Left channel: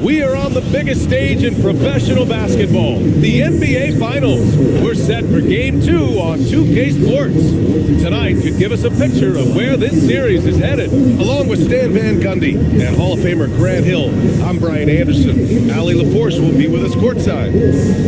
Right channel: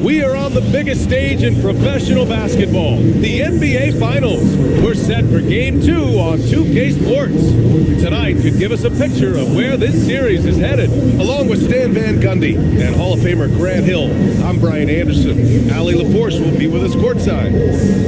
We are on the biggest stage in professional basketball, the NBA Finals. We're set for Game 2 on 2K Sports. Tonight could give us a picture of where this series is headed. Along with Stan Van Gundy and Hall of Famer Grant Hill, I'm Brian Anderson. Allie LaForce will be with us courtside.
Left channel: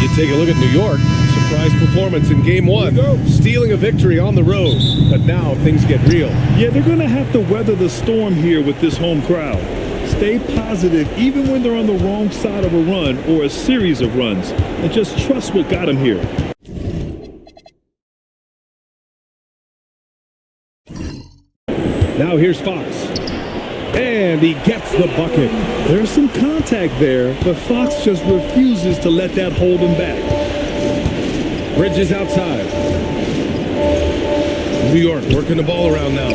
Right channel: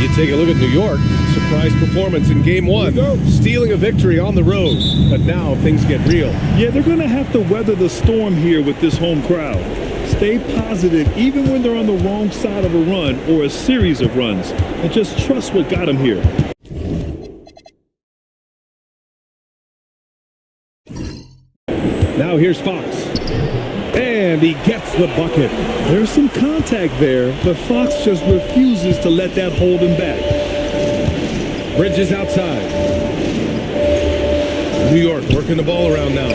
You take a look at New York. Surprise performance in Game 1. Stealing a victory on the road. But now things get real. Yeah, they're going to have to weather the storm here with this home crowd. Stay positive even when they're on the wrong side of a run or a series of runs. And just trust what got them here. Now here's Fox. And he gets the bucket. There's some contact there, but Fox just refuses to let that hold him back. Bridges outside. New York working the ball around now.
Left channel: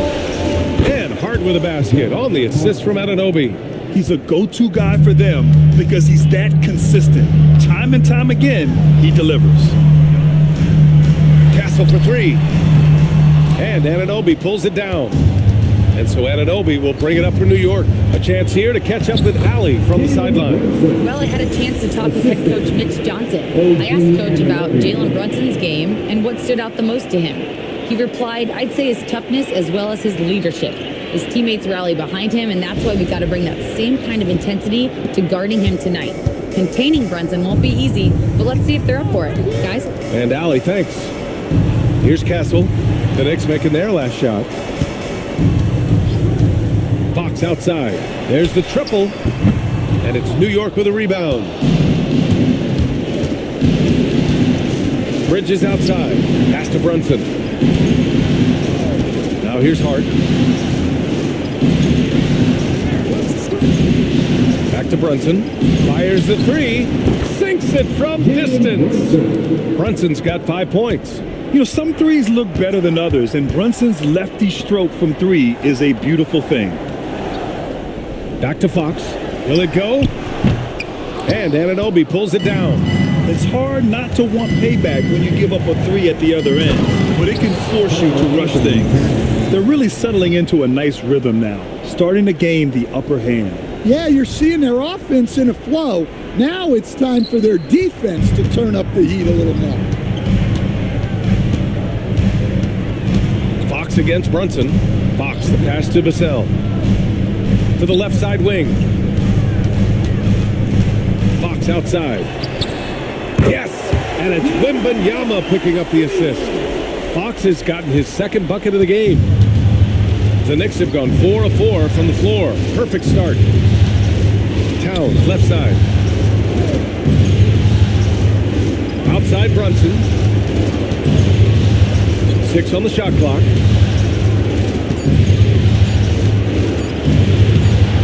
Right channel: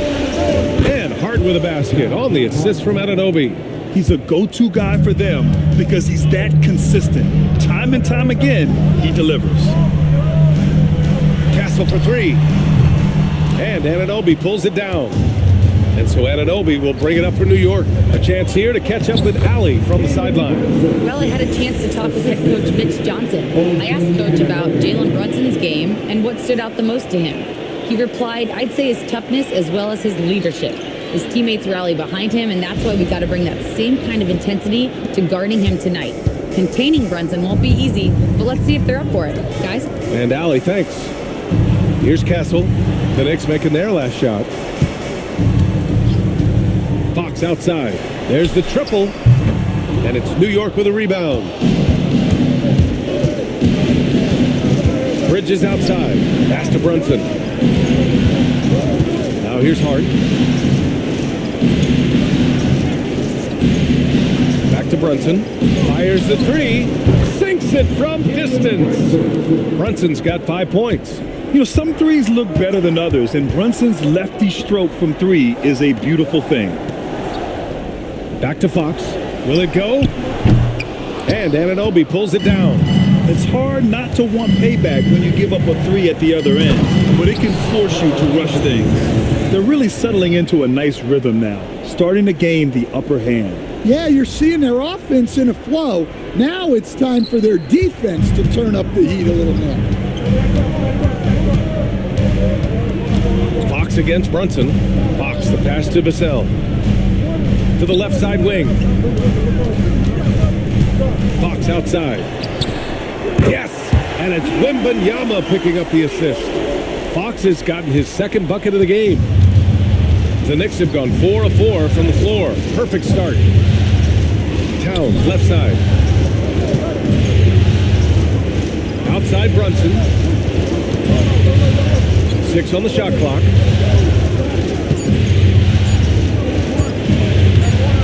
And Hart with a basket on the assist from Anunoby. He's a go-to guy for them because he's that consistent. Time and time again, he delivers. Castle for three. And Anunoby pulls it down. And so Anunoby will bring it up for New York. A chance here to catch up with Allie from the sideline. Well, I had a chance to talk with head coach Mitch Johnson. I asked Coach about Jalen Brunson's game and what stood out the most to him. He replied, I'd say his toughness as well as his leadership. His teammates rally behind him, and that's why we got to bring that same kind of intensity to guarding him tonight. Containing Brunson won't be easy, but let's see if they're up for it. Guys? And Allie, thanks. Here's Castle. The Knicks making their last shot. Fox outside. There's the triple. And it's New York with a rebound. Bridges outside. Pass to Brunson. Now here's Hart. Back to Brunson. Fires the three. Sinks it from distance. Brunson's got 5 points. You know, some threes look better than others, and Brunson's lefty stroke from three is a beautiful thing. Back to Fox. Will it go? And Anunoby pulls it down. It's hard not to want payback when you give up a three at the other end, but it can force you to rush things. They're really settling into a nice rhythm now, starting to gain the upper hand. Yeah, you're seeing their offense in a flow. Now it's time for their defense to turn up the heat a little more. Fox against Brunson. Fox the pass to Vassell. To the left side wing. Fox outside. Yes! And it's Wembanyama picking up the assist. Fox has gotten his second bucket of the game. The Knicks have gone 4 of 4 from the floor. Perfect start. Towns, left side. Outside Brunson. 6 on the shot clock.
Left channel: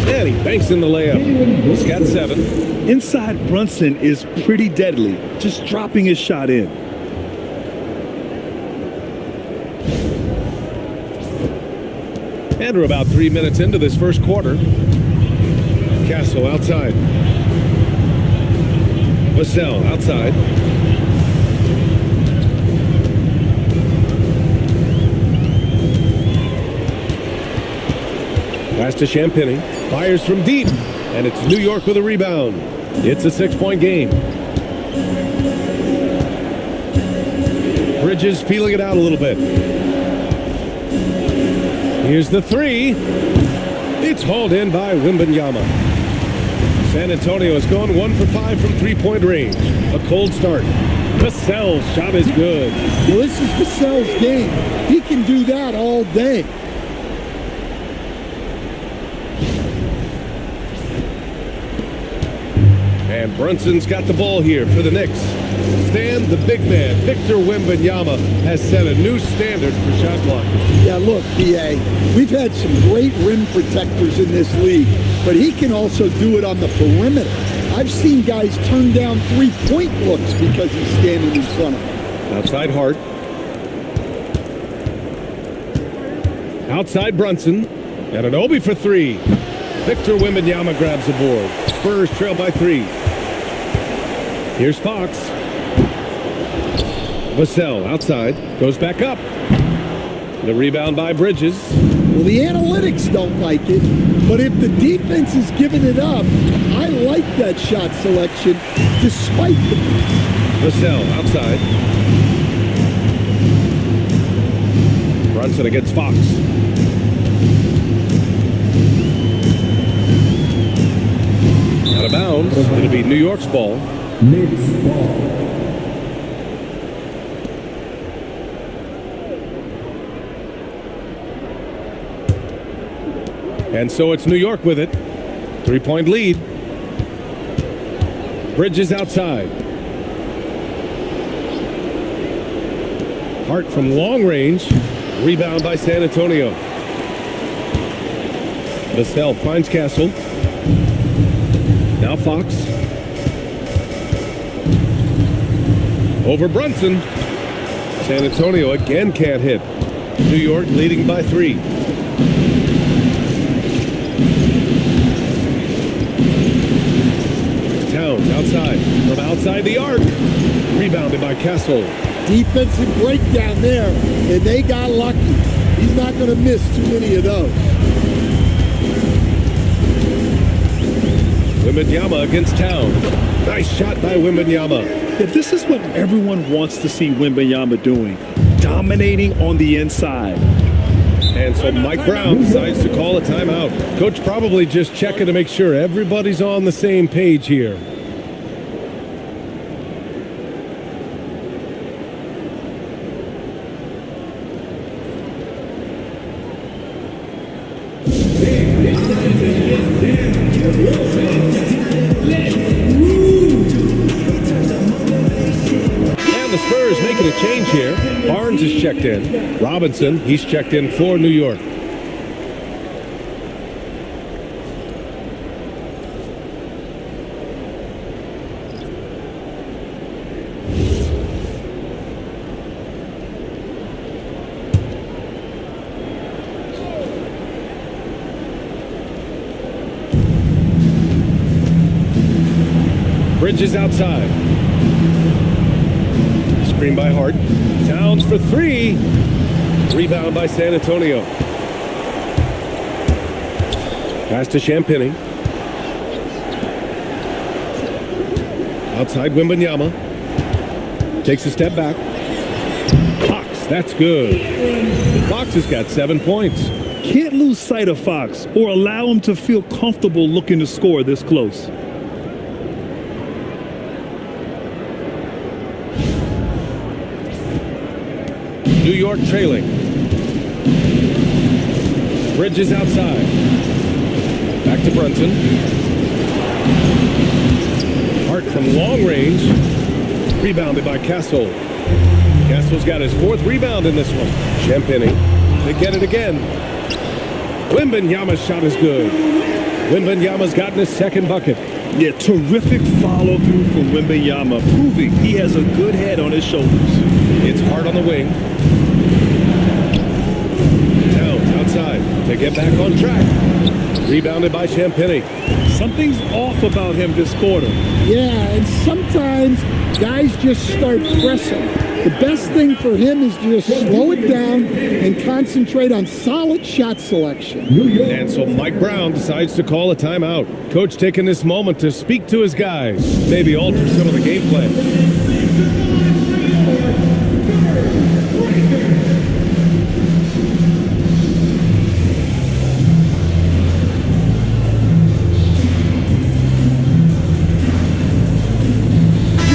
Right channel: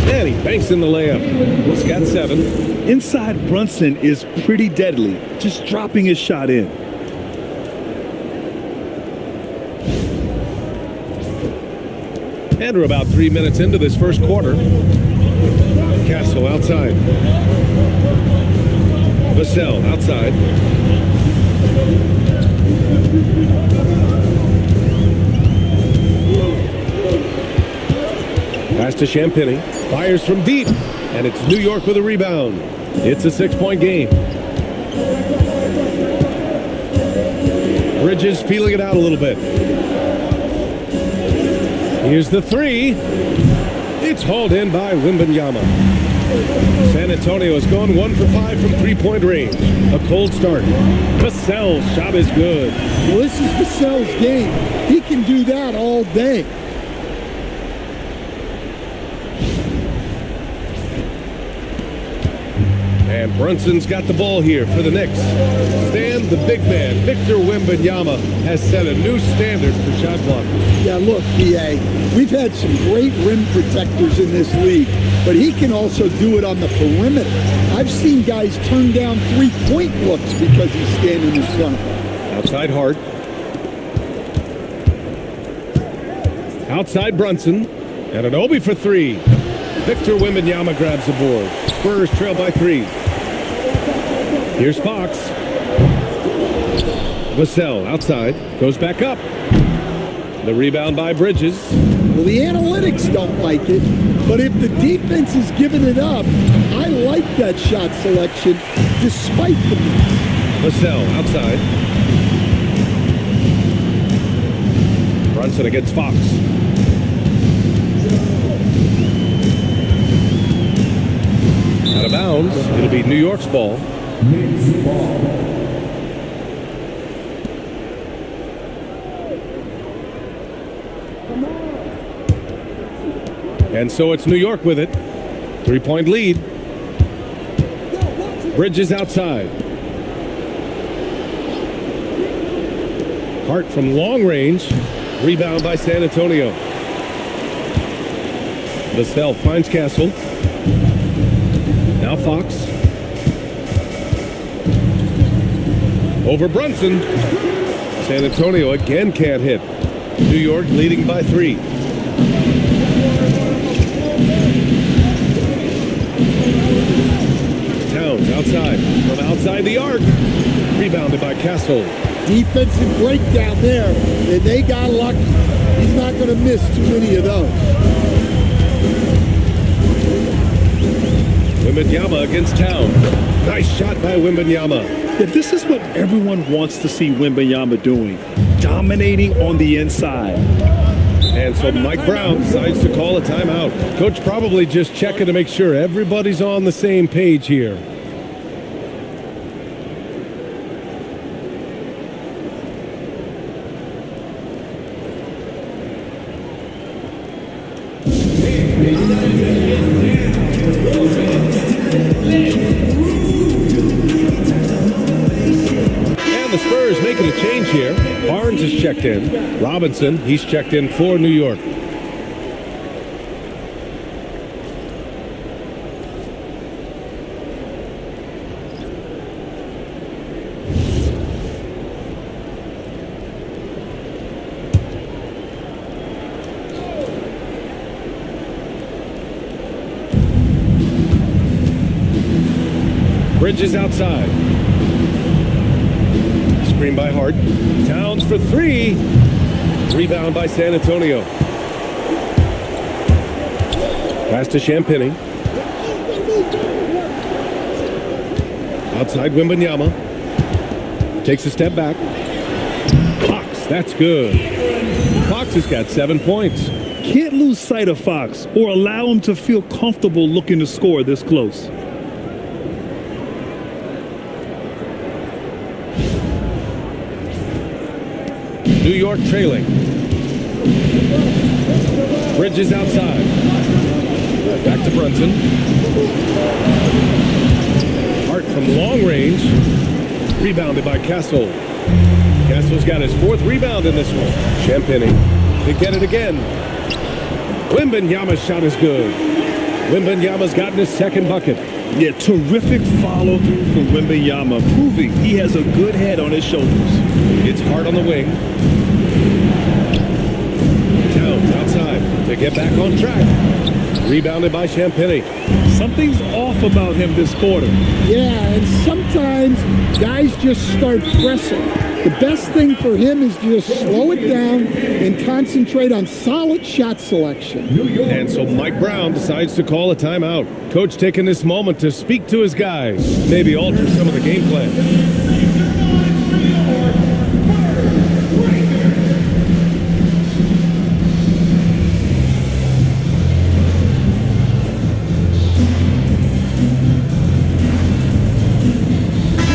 And he banks in the layup. He's got 7. Inside Brunson is pretty deadly, just dropping his shot in. And we're about 3 minutes into this first quarter. Castle outside. Vassell outside. Pass to Champagny. Fires from deep. And it's New York with a rebound. It's a 6-point game. Bridges feeling it out a little bit. Here's the three. It's hauled in by Wembanyama. San Antonio has gone 1 for 5 from 3-point range. A cold start. Vassell's shot is good. Well, this is Vassell's game. He can do that all day. And Brunson's got the ball here for the Knicks. Stan, the big man, Victor Wembanyama, has set a new standard for shot blocking. Yeah, look, B.A., we've had some great rim protectors in this league, but he can also do it on the perimeter. I've seen guys turn down three-point looks because he's standing in front of them. Outside Hart. Outside Brunson. And an Obi for three. Victor Wembanyama grabs the board. Spurs trail by 3. Here's Fox. Vassell outside. Goes back up. The rebound by Bridges. Well, the analytics don't like it, but if the defense is giving it up, I like that shot selection despite the miss. Vassell outside. Brunson against Fox. Out of bounds. It'll be New York's ball. Knicks ball. And so it's New York with it. 3-point lead. Bridges outside. Hart from long range. Rebound by San Antonio. Vassell finds Castle. Now Fox. Over Brunson. San Antonio again can't hit. New York leading by 3. Towns outside. From outside the arc. Rebounded by Castle. Defensive breakdown there, and they got lucky. He's not going to miss too many of those. Wembanyama against Town. Nice shot by Wembanyama. Yeah, this is what everyone wants to see Wembanyama doing, dominating on the inside. And so Mike Brown decides to call a timeout. Coach probably just checking to make sure everybody's on the same page here. And the Spurs making a change here. Barnes is checked in. Robinson, he's checked in for New York. Bridges outside. Screen by Hart. Towns for 3. Rebound by San Antonio. Pass to Champagny. Outside Wembanyama. Takes a step back. Fox, that's good. Fox has got 7 points. Can't lose sight of Fox or allow him to feel comfortable looking to score this close. New York trailing. Bridges outside. Back to Brunson. Hart from long range. Rebounded by Castle. Castle's got his 4th rebound in this one. Champagny. They get it again. Wembanyama's shot is good. Wembanyama's gotten his 2nd bucket. Yeah, terrific follow through from Wembanyama, proving he has a good head on his shoulders. It's Hart on the wing. Towns outside to get back on track. Rebounded by Champagny. Something's off about him this quarter. Yeah, and sometimes guys just start pressing. The best thing for him is to just slow it down and concentrate on solid shot selection. And so Mike Brown decides to call a timeout. Coach taking this moment to speak to his guys, maybe alter some of the game plan.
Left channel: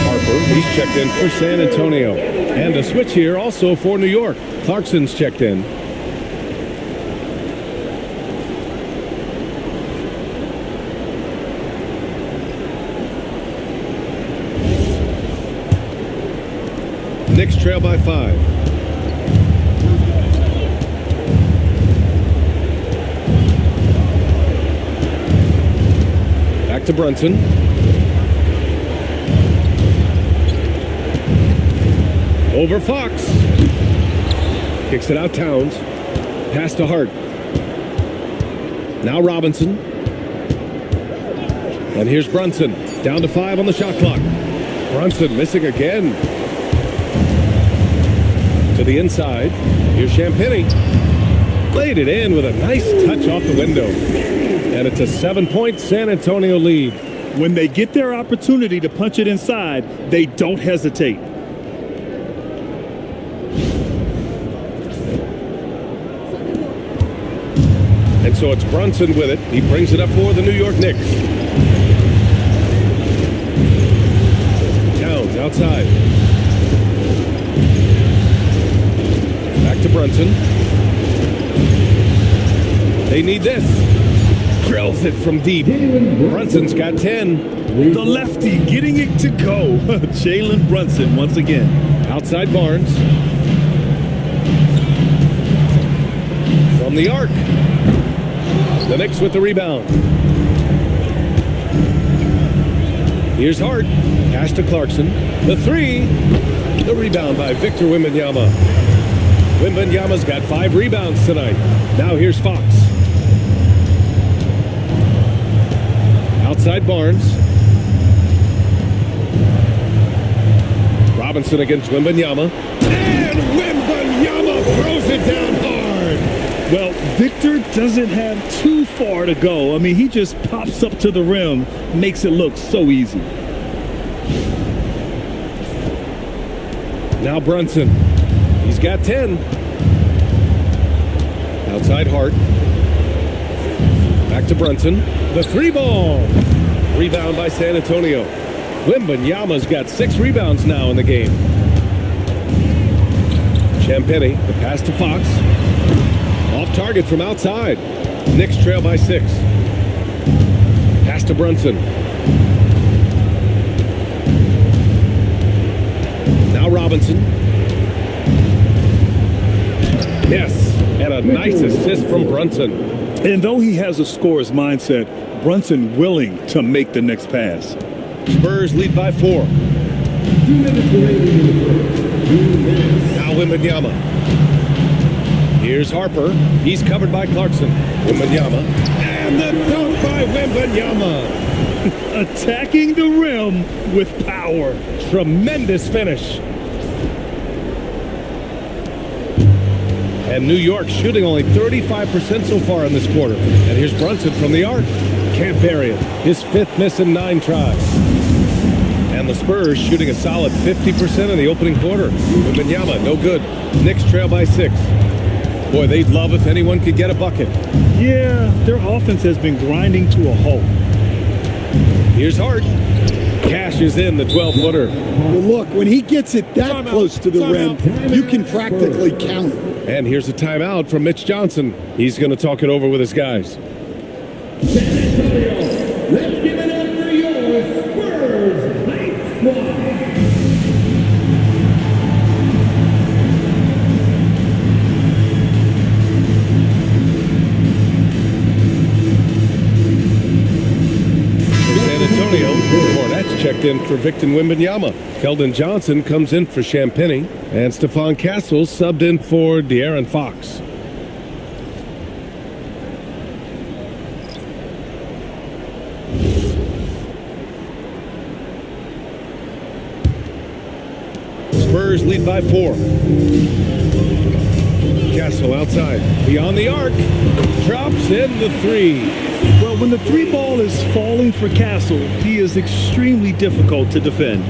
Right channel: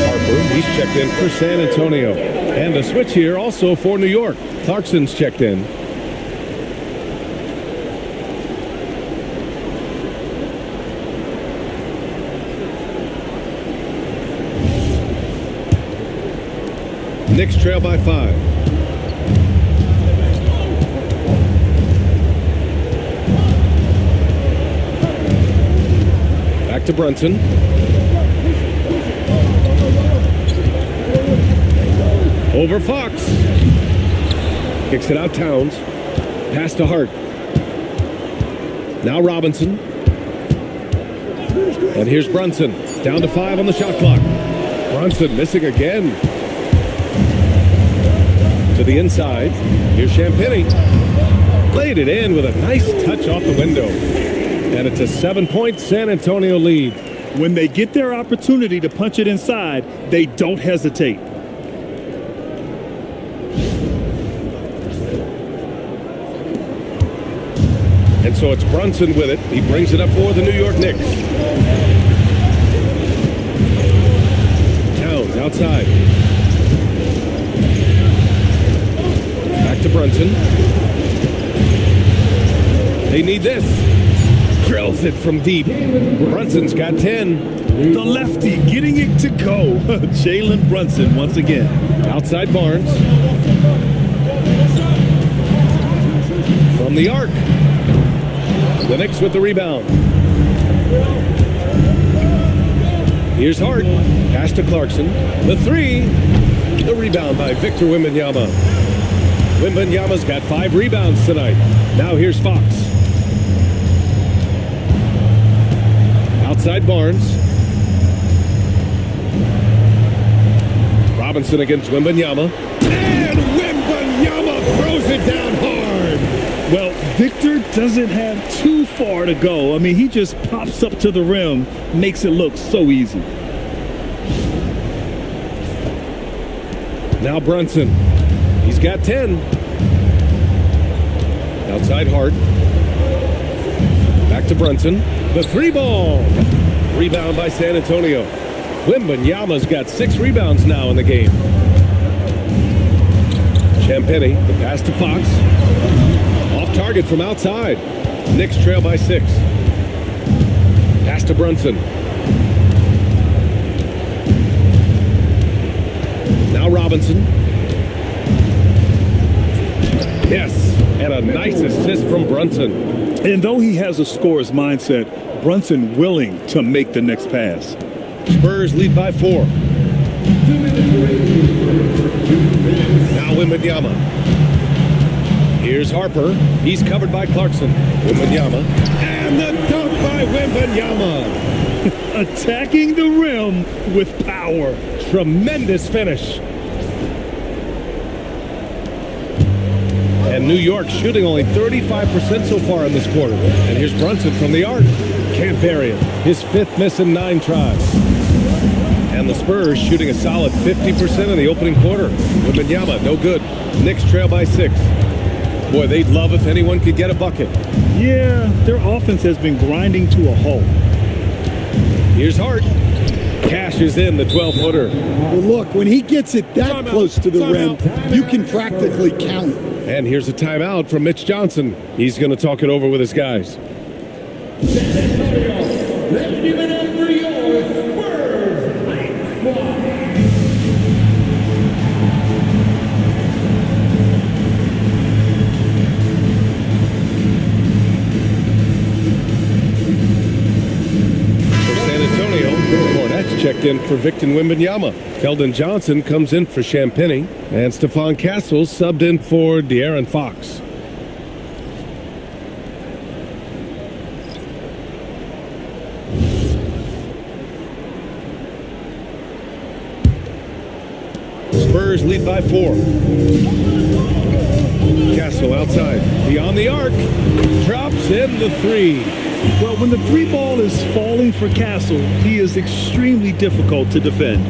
Harper, he's checked in for San Antonio. And a switch here also for New York. Clarkson's checked in. Knicks trail by 5. Back to Brunson. Over Fox. Kicks it out Towns. Pass to Hart. Now Robinson. And here's Brunson. Down to 5 on the shot clock. Brunson missing again. To the inside. Here's Champagnie. Laid it in with a nice touch off the window. And it's a 7-point San Antonio lead. When they get their opportunity to punch it inside, they don't hesitate. And so it's Brunson with it. He brings it up for the New York Knicks. Towns outside. Back to Brunson. They need this. Drills it from deep. Brunson's got 10. The lefty getting it to go. Jalen Brunson once again. Outside Barnes. From the arc. The Knicks with the rebound. Here's Hart. Pass to Clarkson. The 3. The rebound by Victor Wembanyama. Wembanyama's got 5 rebounds tonight. Now here's Fox. Outside Barnes. Robinson against Wembanyama. And Wembanyama throws it down hard. Well, Victor doesn't have too far to go. I mean, he just pops up to the rim, makes it look so easy. Now Brunson. He's got 10. Outside Hart. Back to Brunson. The 3 ball. Rebound by San Antonio. Wembanyama's got 6 rebounds now in the game. Champagnie, the pass to Fox. Off target from outside. Knicks trail by 6. Pass to Brunson. Now Robinson. Yes, and a nice assist from Brunson. And though he has a scorer's mindset, Brunson willing to make the next pass. Spurs lead by 4. Now Wembanyama. Here's Harper. He's covered by Clarkson. Wembanyama. And the dunk by Wembanyama. Attacking the rim with power. Tremendous finish. And New York shooting only 35% so far in this quarter. And here's Brunson from the arc. Can't bury it. His 5th miss in 9 tries. And the Spurs shooting a solid 50% in the opening quarter. Wembanyama, no good. Knicks trail by 6. Boy, they'd love if anyone could get a bucket. Yeah, their offense has been grinding to a halt. Here's Hart. Cashes in the 12-footer. Well, look, when he gets it that close to the rim, you can practically count it. And here's a timeout from Mitch Johnson. He's going to talk it over with his guys. Let's give it up for your Spurs Hype Squad. For San Antonio, Fournette's checked in for Victor Wembanyama. Keldon Johnson comes in for Champagnie. And Stephon Castle subbed in for De'Aaron Fox. Spurs lead by 4. Castle outside. Beyond the arc. Drops in the 3. Well, when the 3 ball is falling for Castle, he is extremely difficult to defend.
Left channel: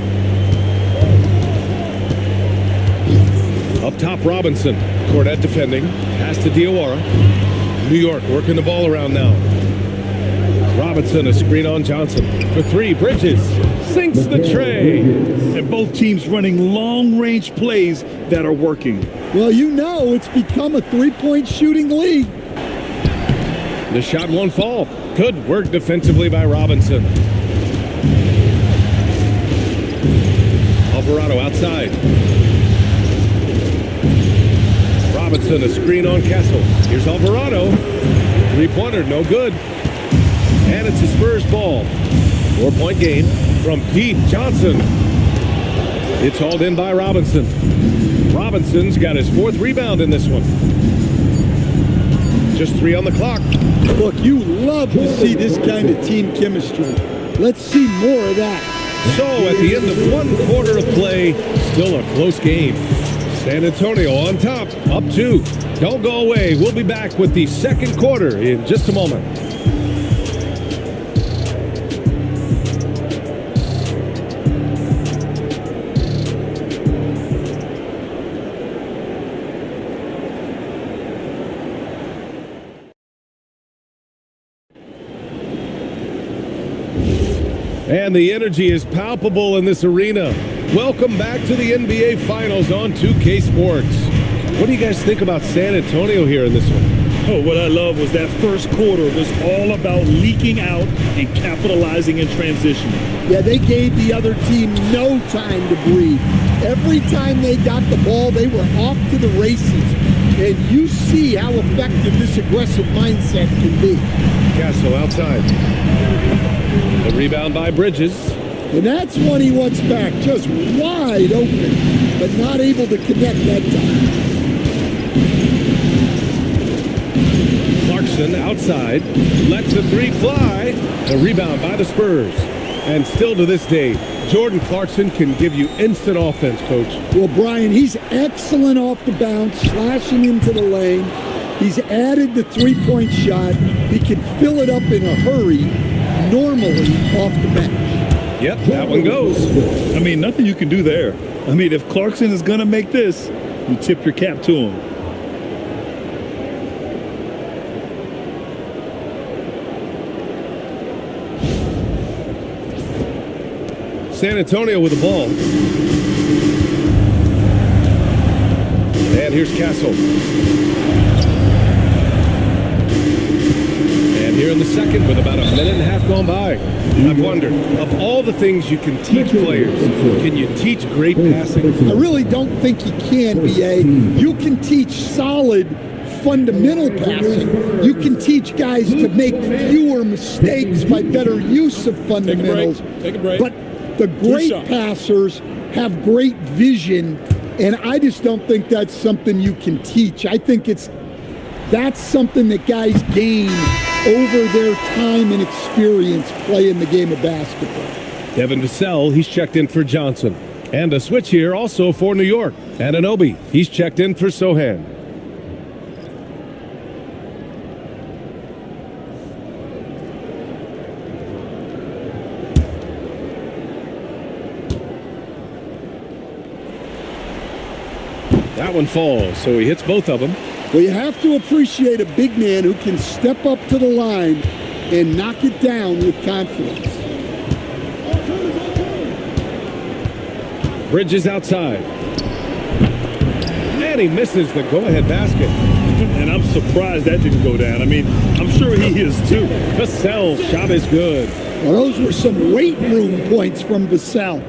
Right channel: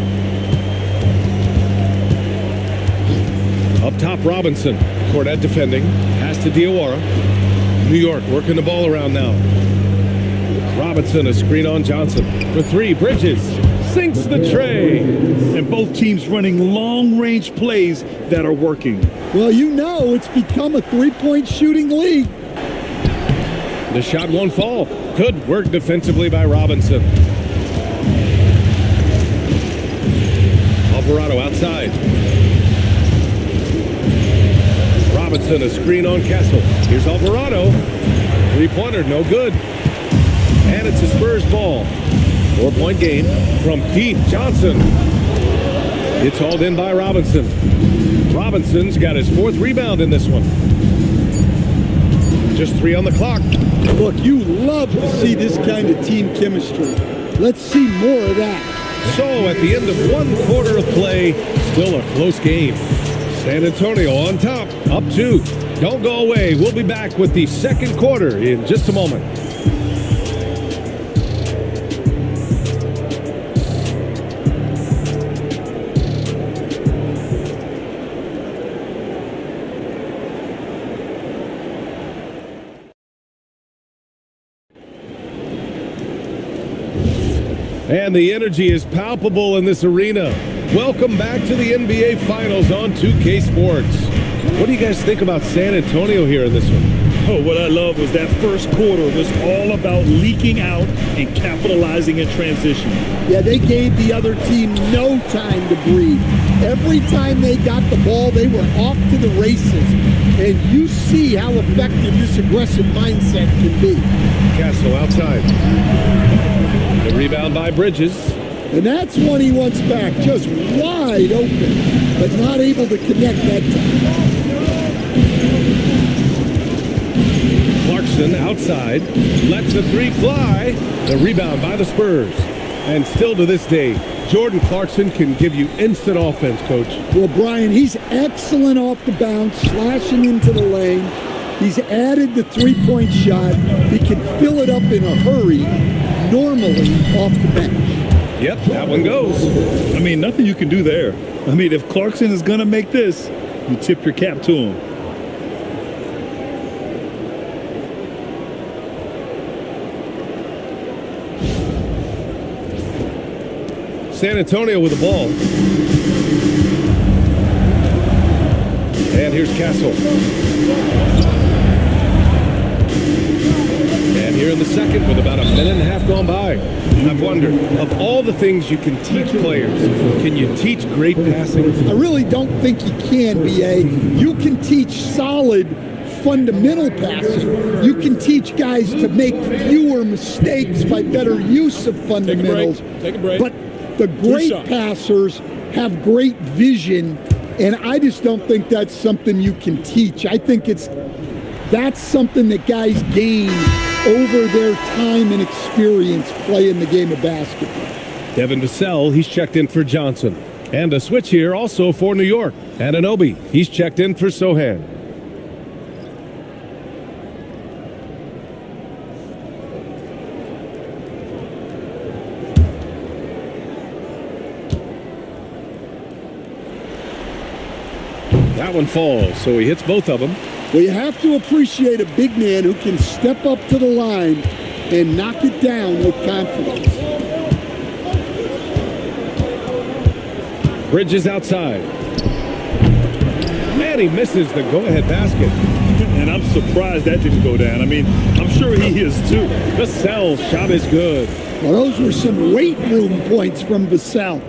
Up top, Robinson. Cornette defending. Pass to Diawara. New York working the ball around now. Robinson, a screen on Johnson. For 3, Bridges. Sinks the tray. And both teams running long-range plays that are working. Well, you know it's become a 3-point shooting league. The shot won't fall. Good work defensively by Robinson. Alvarado outside. Robinson, a screen on Castle. Here's Alvarado. 3-pointer, no good. And it's a Spurs ball. 4-point game from deep. Johnson. It's hauled in by Robinson. Robinson's got his 4th rebound in this one. just 3 on the clock. Look, you love to see this kind of team chemistry. Let's see more of that. So at the end of 1 quarter of play, still a close game. San Antonio on top, up 2. Don't go away. We'll be back with the second quarter in just a moment. And the energy is palpable in this arena. Welcome back to the NBA Finals on 2K Sports. What do you guys think about San Antonio here in this one? Oh, what I love was that first quarter was all about leaking out and capitalizing in transition. Yeah, they gave the other team no time to breathe. Every time they got the ball, they were off to the races. And you see how effective this aggressive mindset can be. Castle outside. The rebound by Bridges. And that's one he wants back, just wide open, but not able to connect that time. Clarkson outside. Lets the 3 fly. The rebound by the Spurs. And still to this day, Jordan Clarkson can give you instant offense, Coach. Well, Brian, he's excellent off the bounce, slashing into the lane. He's added the three-point shot. He can fill it up in a hurry, normally off the bench. Yep, that one goes. I mean, nothing you can do there. I mean, if Clarkson is going to make this, you tip your cap to him. San Antonio with the ball. And here's Castle. And here in the second with about a minute and a half gone by. I've wondered, of all the things you can teach players, can you teach great passing? I really don't think you can, B.A. You can teach solid fundamental passing. You can teach guys to make fewer mistakes by better use of fundamentals. Take a break. But the great passers have great vision, and I just don't think that's something you can teach. I think that's something that guys gain over their time and experience playing the game of basketball. Devin Vassell, he's checked in for Johnson. And a switch here also for New York. Anunoby, he's checked in for Sohan. That one falls, so he hits both of them. Well, you have to appreciate a big man who can step up to the line and knock it down with confidence. Bridges outside. And he misses the go-ahead basket. And I'm surprised that didn't go down. I mean, I'm sure he is too. Vassell's shot is good. Well, those were some weight room points from Vassell,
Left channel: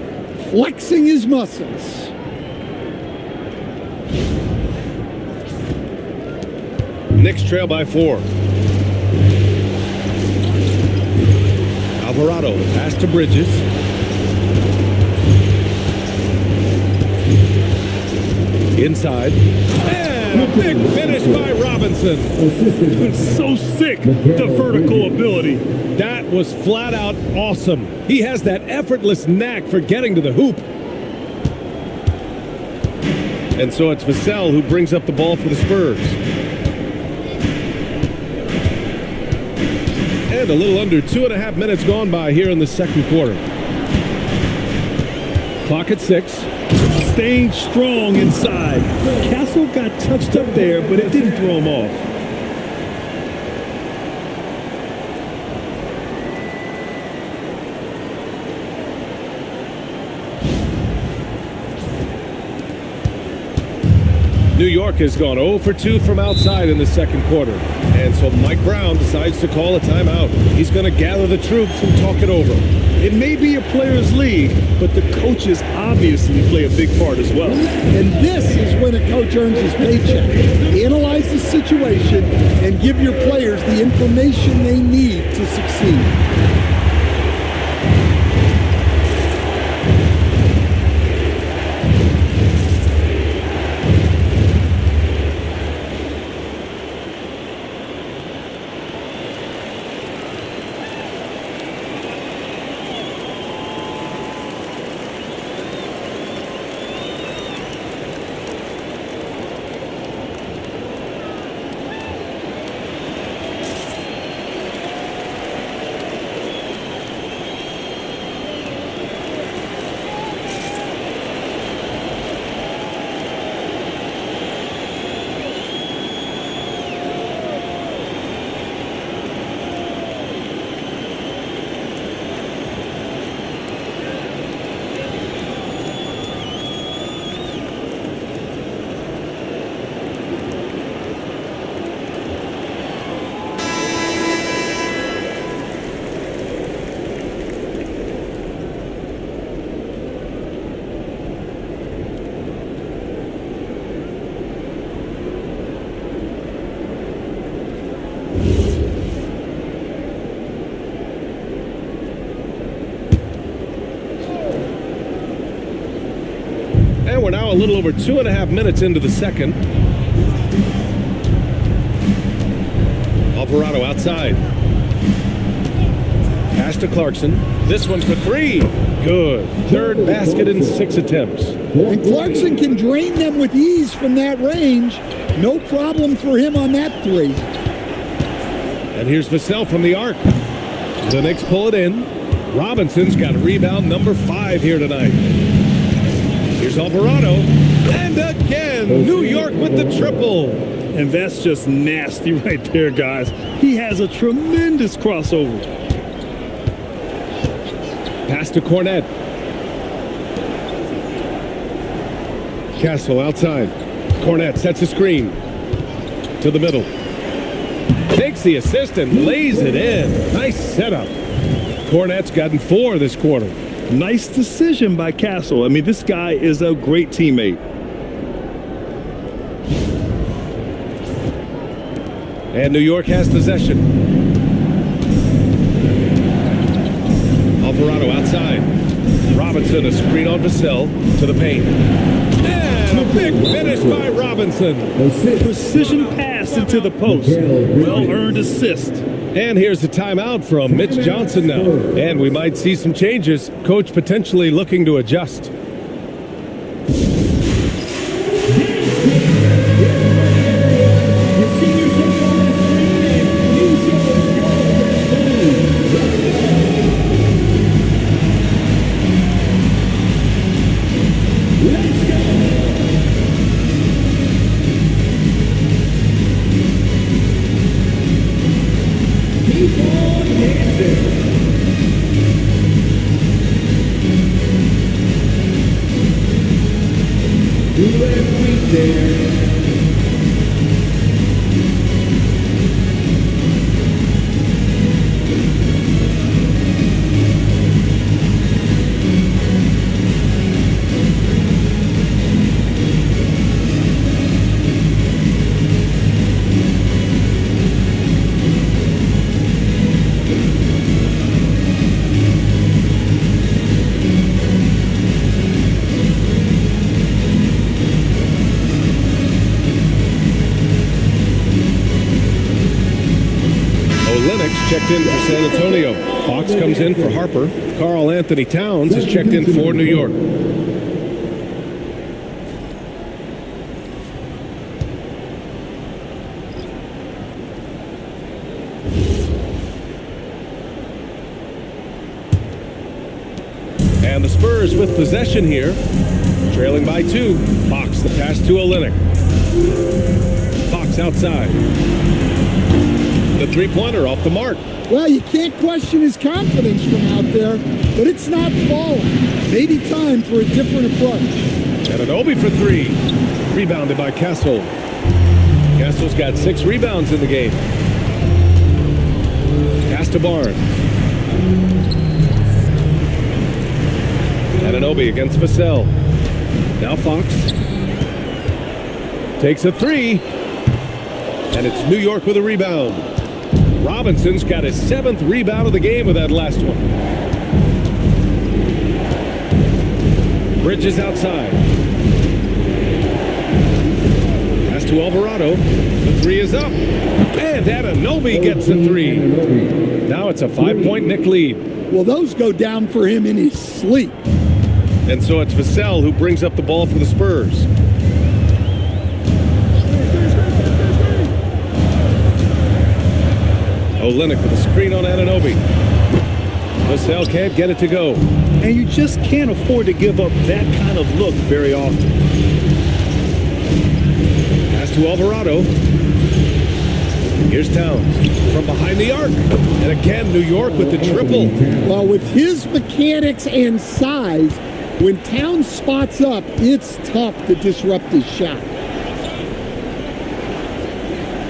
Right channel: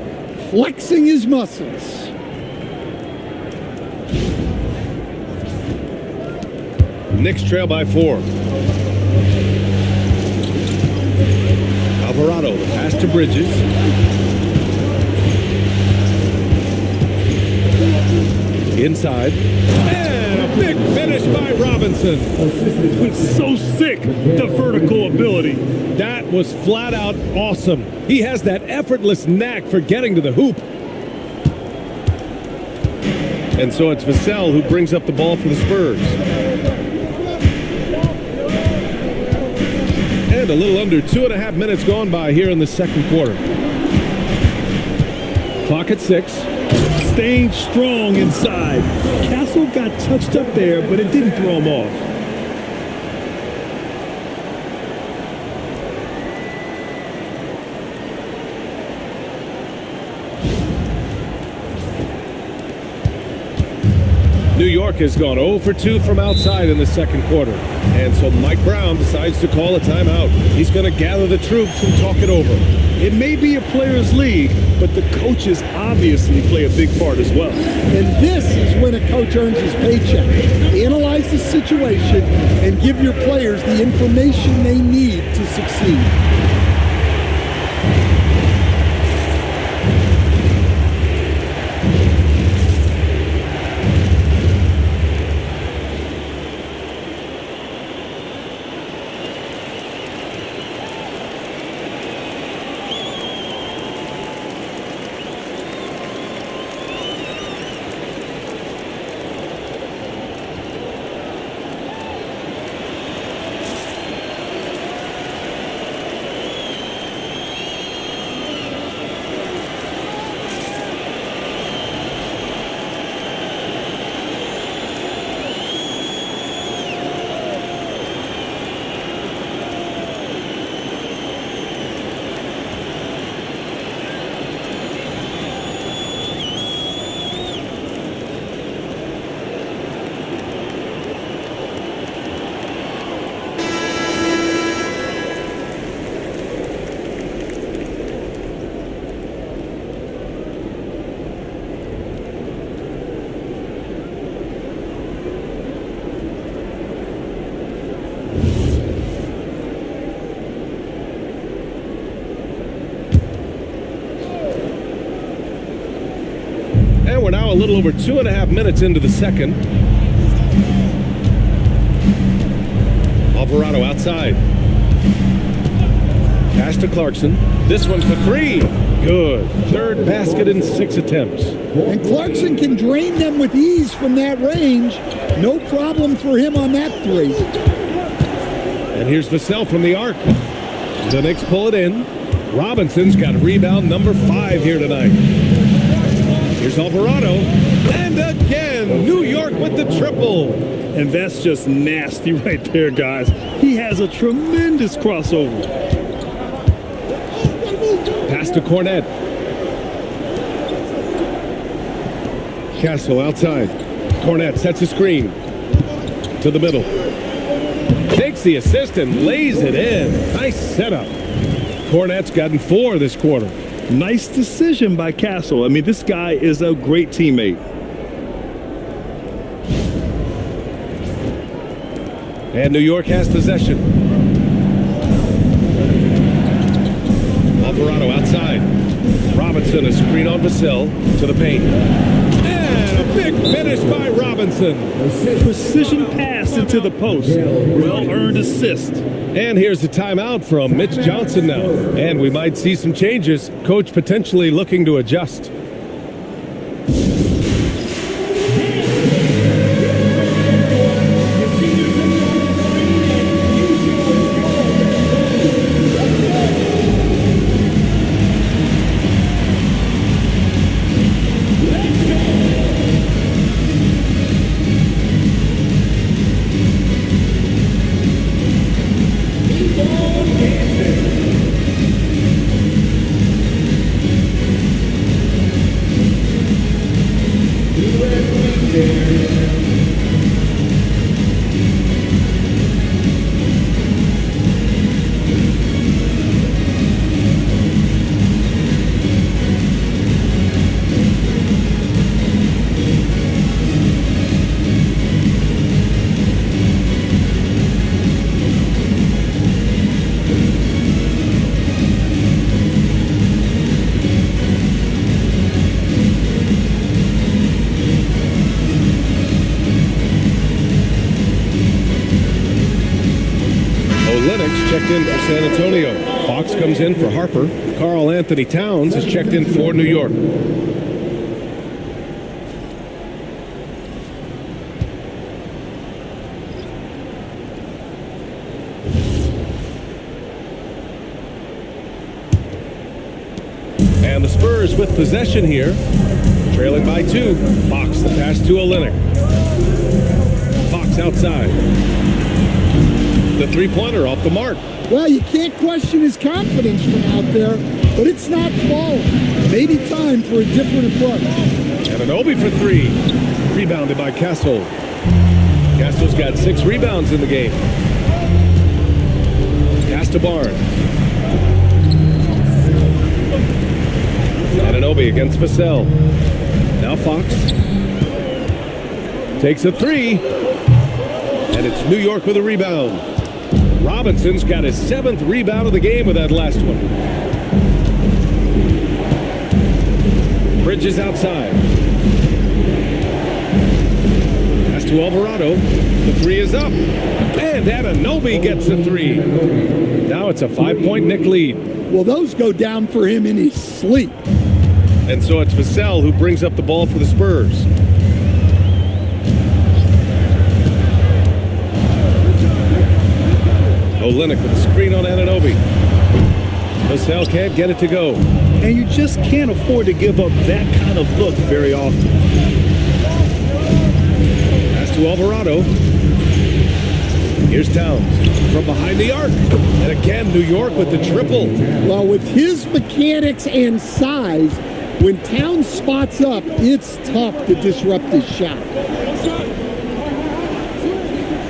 flexing his muscles. Knicks trail by 4. Alvarado, the pass to Bridges. Inside. And a big finish by Robinson. So sick, the vertical ability. That was flat out awesome. He has that effortless knack for getting to the hoop. And so it's Vassell who brings up the ball for the Spurs. And a little under 2.5 minutes gone by here in the second quarter. Clock at 6. Staying strong inside. Castle got touched up there, but it didn't throw him off. New York has gone 0 for 2 from outside in the second quarter. And so Mike Brown decides to call a timeout. He's going to gather the troops and talk it over. It may be a players' league, but the coaches obviously play a big part as well. And this is when a coach earns his paycheck. Analyze the situation and give your players the information they need to succeed. And we're now a little over 2.5 minutes into the second. Alvarado outside. Pass to Clarkson. This one for three. Good. Third basket in 6 attempts. And Clarkson can drain them with ease from that range. No problem for him on that three. And here's Vassell from the arc. The Knicks pull it in. Robinson's got rebound number 5 here tonight. Here's Alvarado. And again, New York with the triple. And that's just nasty right there, guys. He has a tremendous crossover. Pass to Cornette. Castle outside. Cornette sets a screen. To the middle. Takes the assist and lays it in. Nice setup. Cornette's gotten 4 this quarter. Nice decision by Castle. I mean, this guy is a great teammate. And New York has possession. Alvarado outside. Robinson, a screen on Vassell to the paint. And a big finish by Robinson. Precision pass into the post. Well-earned assist. And here's a timeout from Mitch Johnson now. And we might see some changes. Coach potentially looking to adjust. Olenek checked in for San Antonio. Fox comes in for Harper. Karl Anthony Towns is checked in for New York. And the Spurs with possession here. Trailing by 2. Fox the pass to Olenek. Fox outside. The three-pointer off the mark. Well, you can't question his confidence from out there, but it's not falling. Maybe time for a different approach. Anunoby for 3. Rebounded by Castle. Castle's got 6 rebounds in the game. Pass to Barnes. Anunoby against Vassell. Now Fox. Takes a 3. And it's New York with a rebound. Robinson's got his 7th rebound of the game with that last one. Bridges outside. Pass to Alvarado. The 3 is up. And Anunoby gets a 3. Now it's a 5-point Knick lead. Well, those go down for him in his sleep. And so it's Vassell who brings up the ball for the Spurs. Olenek with a screen on Anunoby. Vassell can't get it to go. And you just can't afford to give up that kind of look very often. Pass to Alvarado. Here's Towns from behind the arc. And again, New York with the triple. Well, with his mechanics and size, when Towns spots up, it's tough to disrupt his shot.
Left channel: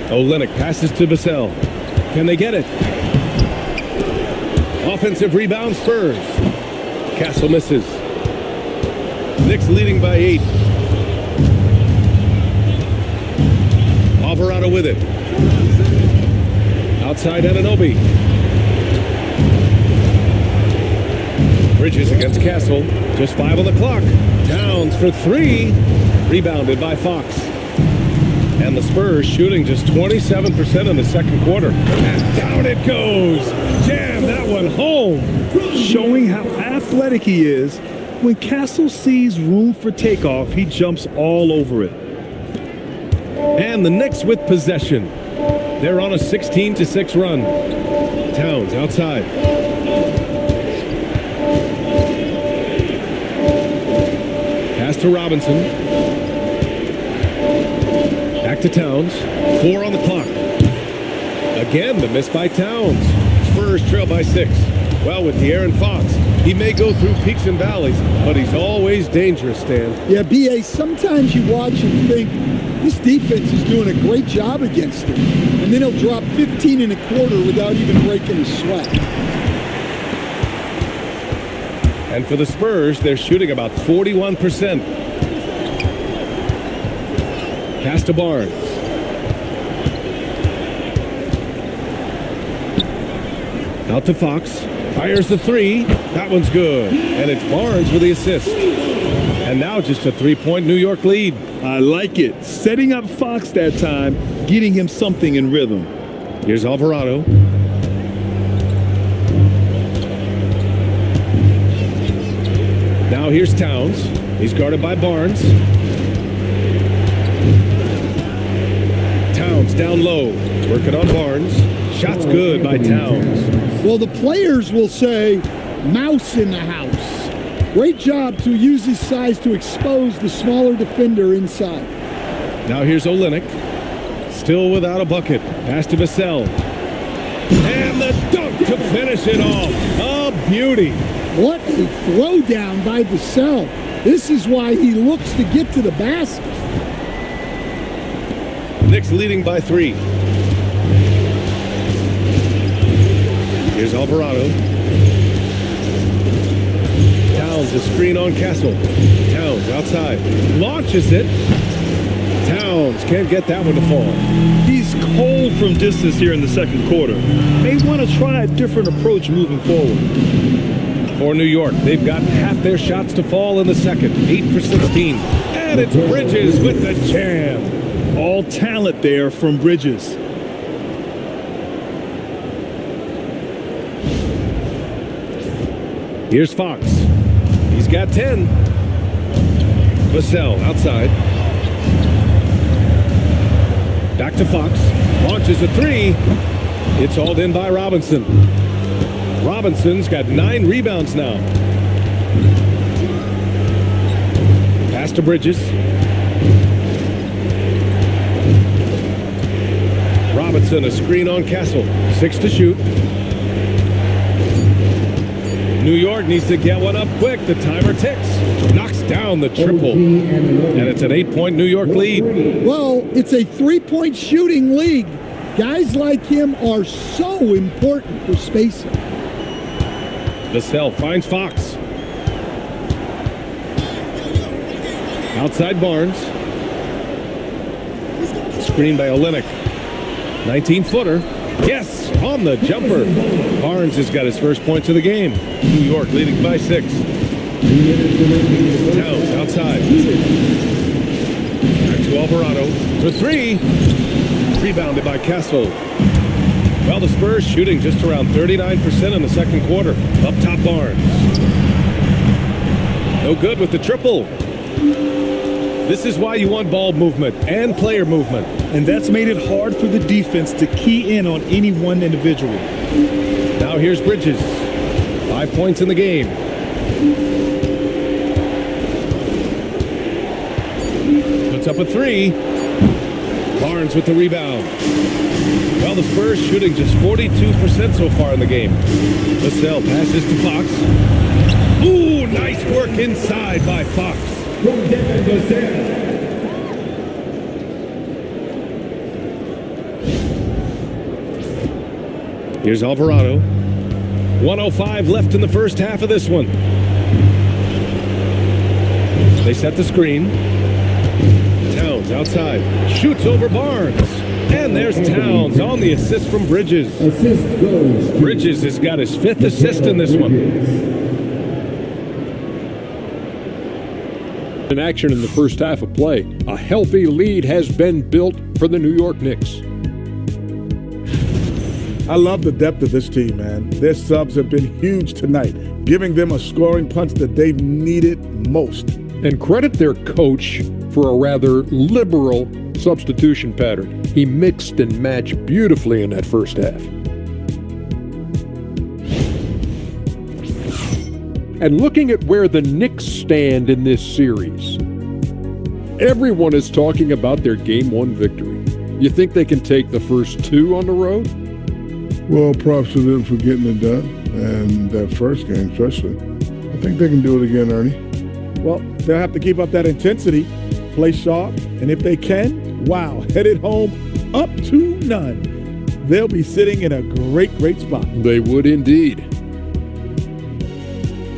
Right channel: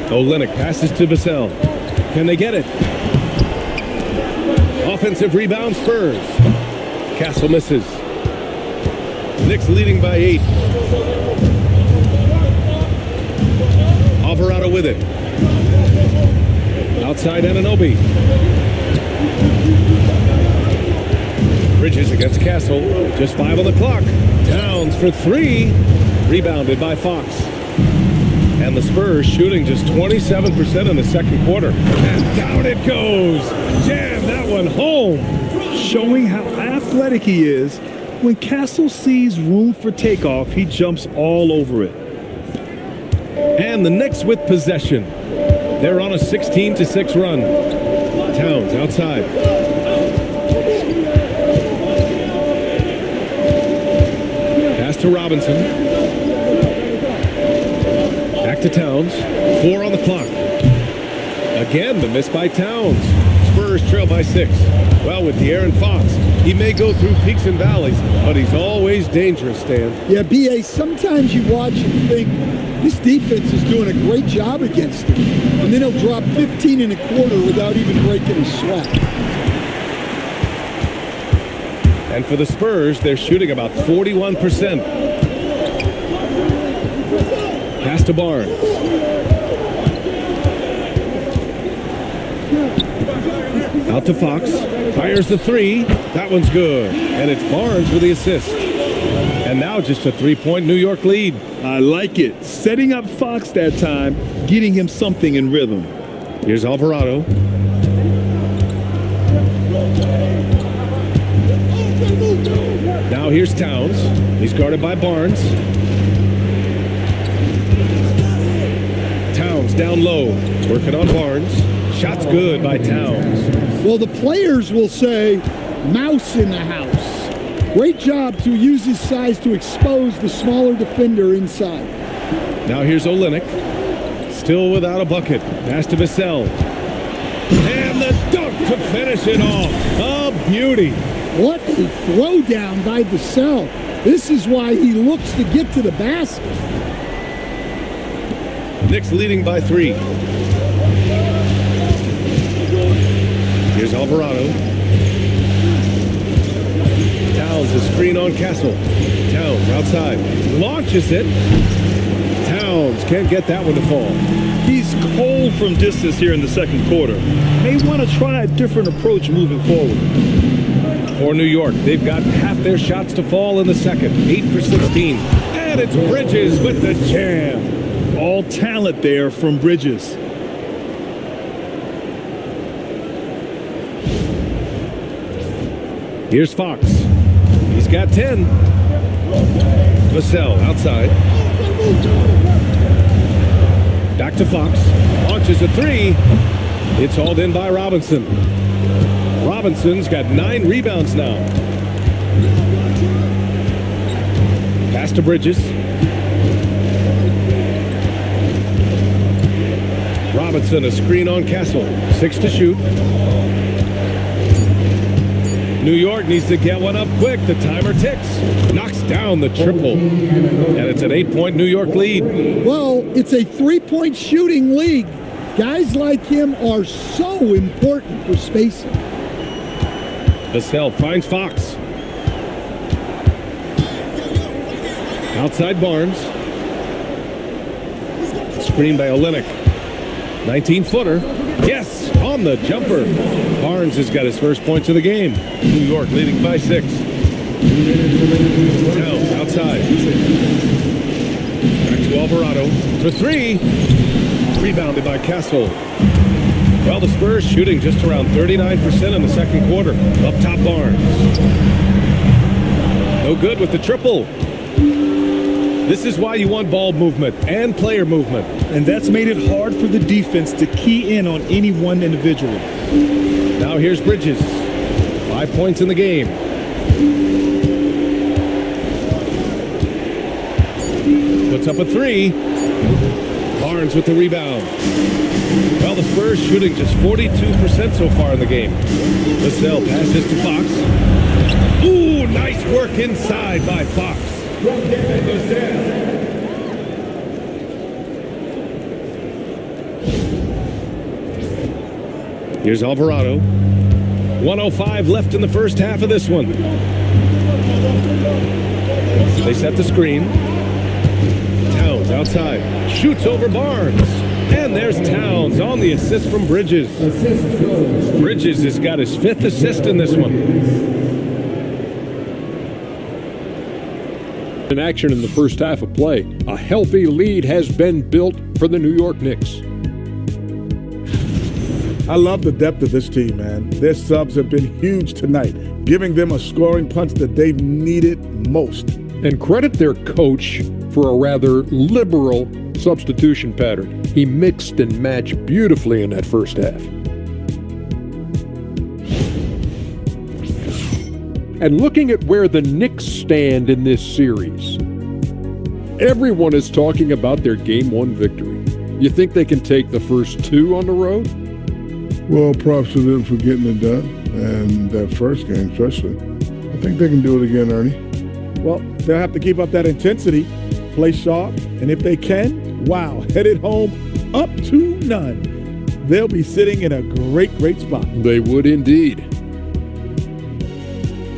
Olenek passes to Vassell. Can they get it? Offensive rebound, Spurs. Castle misses. Knicks leading by 8. Alvarado with it. Outside Anunoby. Bridges against Castle. Just 5 on the clock. Towns for three. Rebounded by Fox. And the Spurs shooting just 27% in the second quarter. And down it goes. Jam that one home. Showing how athletic he is, when Castle sees room for takeoff, he jumps all over it. And the Knicks with possession. They're on a 16-6 run. Towns outside. Pass to Robinson. Back to Towns. 4 on the clock. Again, the miss by Towns. Spurs trail by 6. Well, with De'Aaron Fox, he may go through peaks and valleys, but he's always dangerous, Stan. Yeah, B.A., sometimes you watch and think, this defense is doing a great job against him. And then he'll drop 15 and a quarter without even breaking a sweat. And for the Spurs, they're shooting about 41%. Pass to Barnes. Out to Fox. Fires the three. That one's good. And it's Barnes with the assist. And now just a three-point New York lead. I like it. Setting up Fox that time, getting him something in rhythm. Here's Alvarado. Now here's Towns. He's guarded by Barnes. Towns down low. Working on Barnes. Shot's good by Towns. Well, the players will say, mouse in the house. Great job to use his size to expose the smaller defender inside. Now here's Olynyk. Still without a bucket. Pass to Vassell. And the dunk to finish it off. A beauty. What a throwdown by Vassell. This is why he looks to get to the basket. Knicks leading by 3. Here's Alvarado. Towns a screen on Castle. Towns outside. Launches it. Towns can't get that one to fall. He's cold from distance here in the second quarter. May want to try a different approach moving forward. For New York, they've gotten half their shots to fall in the second. 8 for 16. And it's Bridges with the jam. All talent there from Bridges. Here's Fox. He's got 10. Vassell outside. Back to Fox. Launches a three. It's hauled in by Robinson. Robinson's got 9 rebounds now. Pass to Bridges. Robinson a screen on Castle. 6 to shoot. New York needs to get one up quick. The timer ticks. Knocks down the triple. And it's an 8-point New York lead. Well, it's a three-point shooting league. Guys like him are so important for spacing. Vassell finds Fox. Outside Barnes. Screen by Olynyk. 19-footer. Yes, on the jumper. Barnes has got his first points of the game. New York leading by 6. Towns outside. Back to Alvarado for 3. Rebounded by Castle. Well, the Spurs shooting just around 39% in the second quarter. Up top Barnes. No good with the triple. This is why you want ball movement and player movement. And that's made it hard for the defense to key in on any one individual. Now here's Bridges. 5 points in the game. Puts up a 3. Barnes with the rebound. Well, the Spurs shooting just 42% so far in the game. Vassell passes to Fox. Ooh, nice work inside by Fox. Here's Alvarado. 1:05 left in the first half of this one. They set the screen. Towns outside. Shoots over Barnes. And there's Towns on the assist from Bridges. Bridges has got his 5th assist in this one. In action in the first half of play, a healthy lead has been built for the New York Knicks. I love the depth of this team, man. Their subs have been huge tonight, giving them a scoring punch that they've needed most. And credit their coach for a rather liberal substitution pattern. He mixed and matched beautifully in that first half. And looking at where the Knicks stand in this series, everyone is talking about their Game 1 victory. You think they can take the first two on the road? Well, props to them for getting it done, and that first game especially. I think they can do it again, Ernie. Well, they'll have to keep up that intensity, play sharp, and if they can, wow, headed home up 2-0. They'll be sitting in a great spot. They would indeed.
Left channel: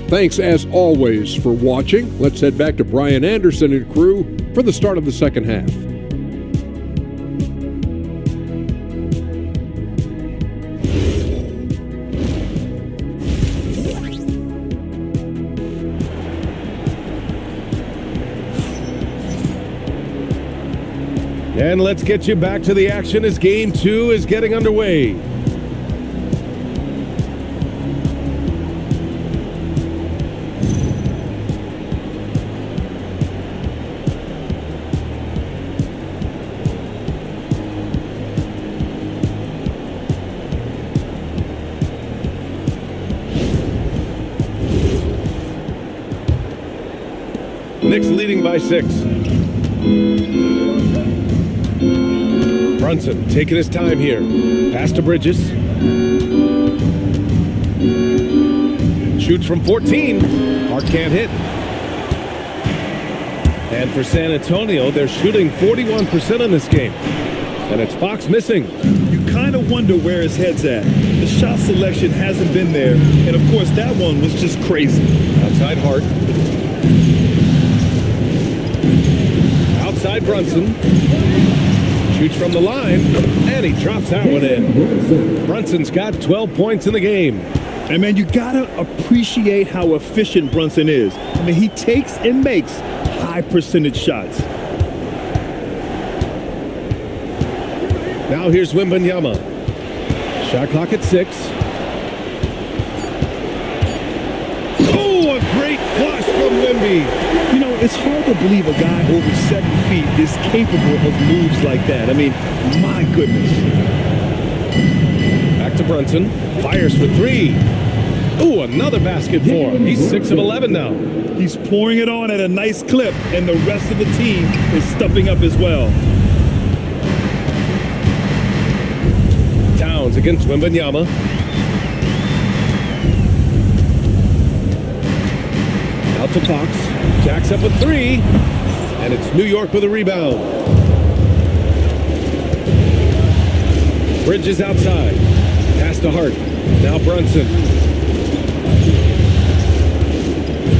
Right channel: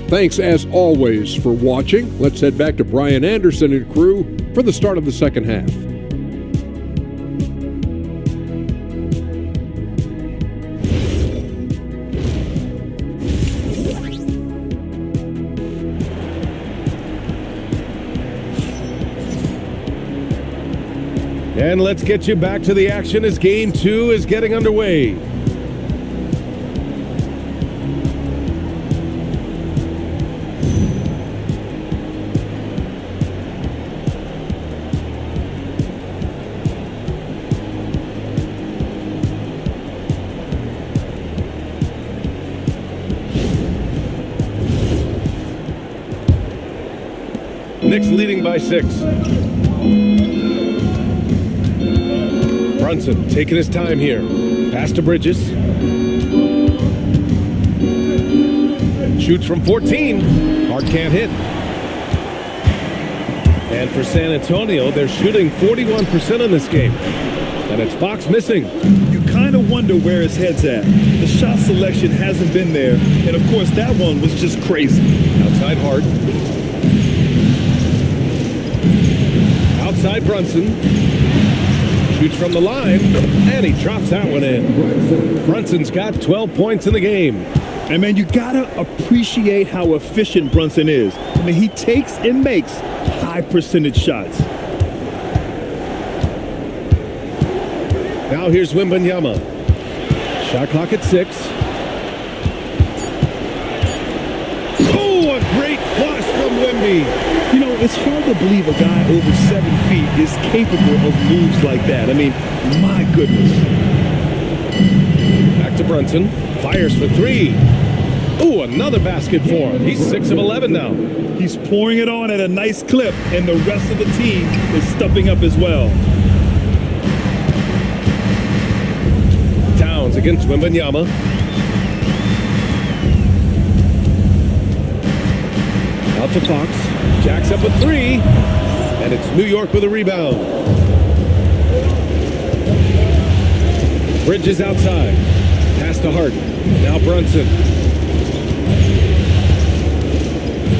Thanks, as always, for watching. Let's head back to Brian Anderson and crew for the start of the second half. And let's get you back to the action as Game 2 is getting underway. Knicks leading by 6. Brunson taking his time here. Pass to Bridges. Shoots from 14. Hart can't hit. And for San Antonio, they're shooting 41% in this game. And it's Fox missing. You kind of wonder where his head's at. The shot selection hasn't been there. And of course, that one was just crazy. Outside Hart. Outside Brunson. Shoots from the line, and he drops that one in. Brunson's got 12 points in the game. And man, you gotta appreciate how efficient Brunson is. I mean, he takes and makes high percentage shots. Now here's Wembanyama. Shot clock at 6. Oh, a great flush from Wemby. You know, it's hard to believe a guy over 7 feet is capable of moves like that. I mean, my goodness. Back to Brunson. Fires for 3. Oh, another basket for him. He's 6 of 11 now. He's pouring it on at a nice clip, and the rest of the team is stepping up as well. Towns against Wembanyama. Out to Fox. Jacks up a 3. And it's New York with a rebound. Bridges outside. Pass to Hart. Now Brunson.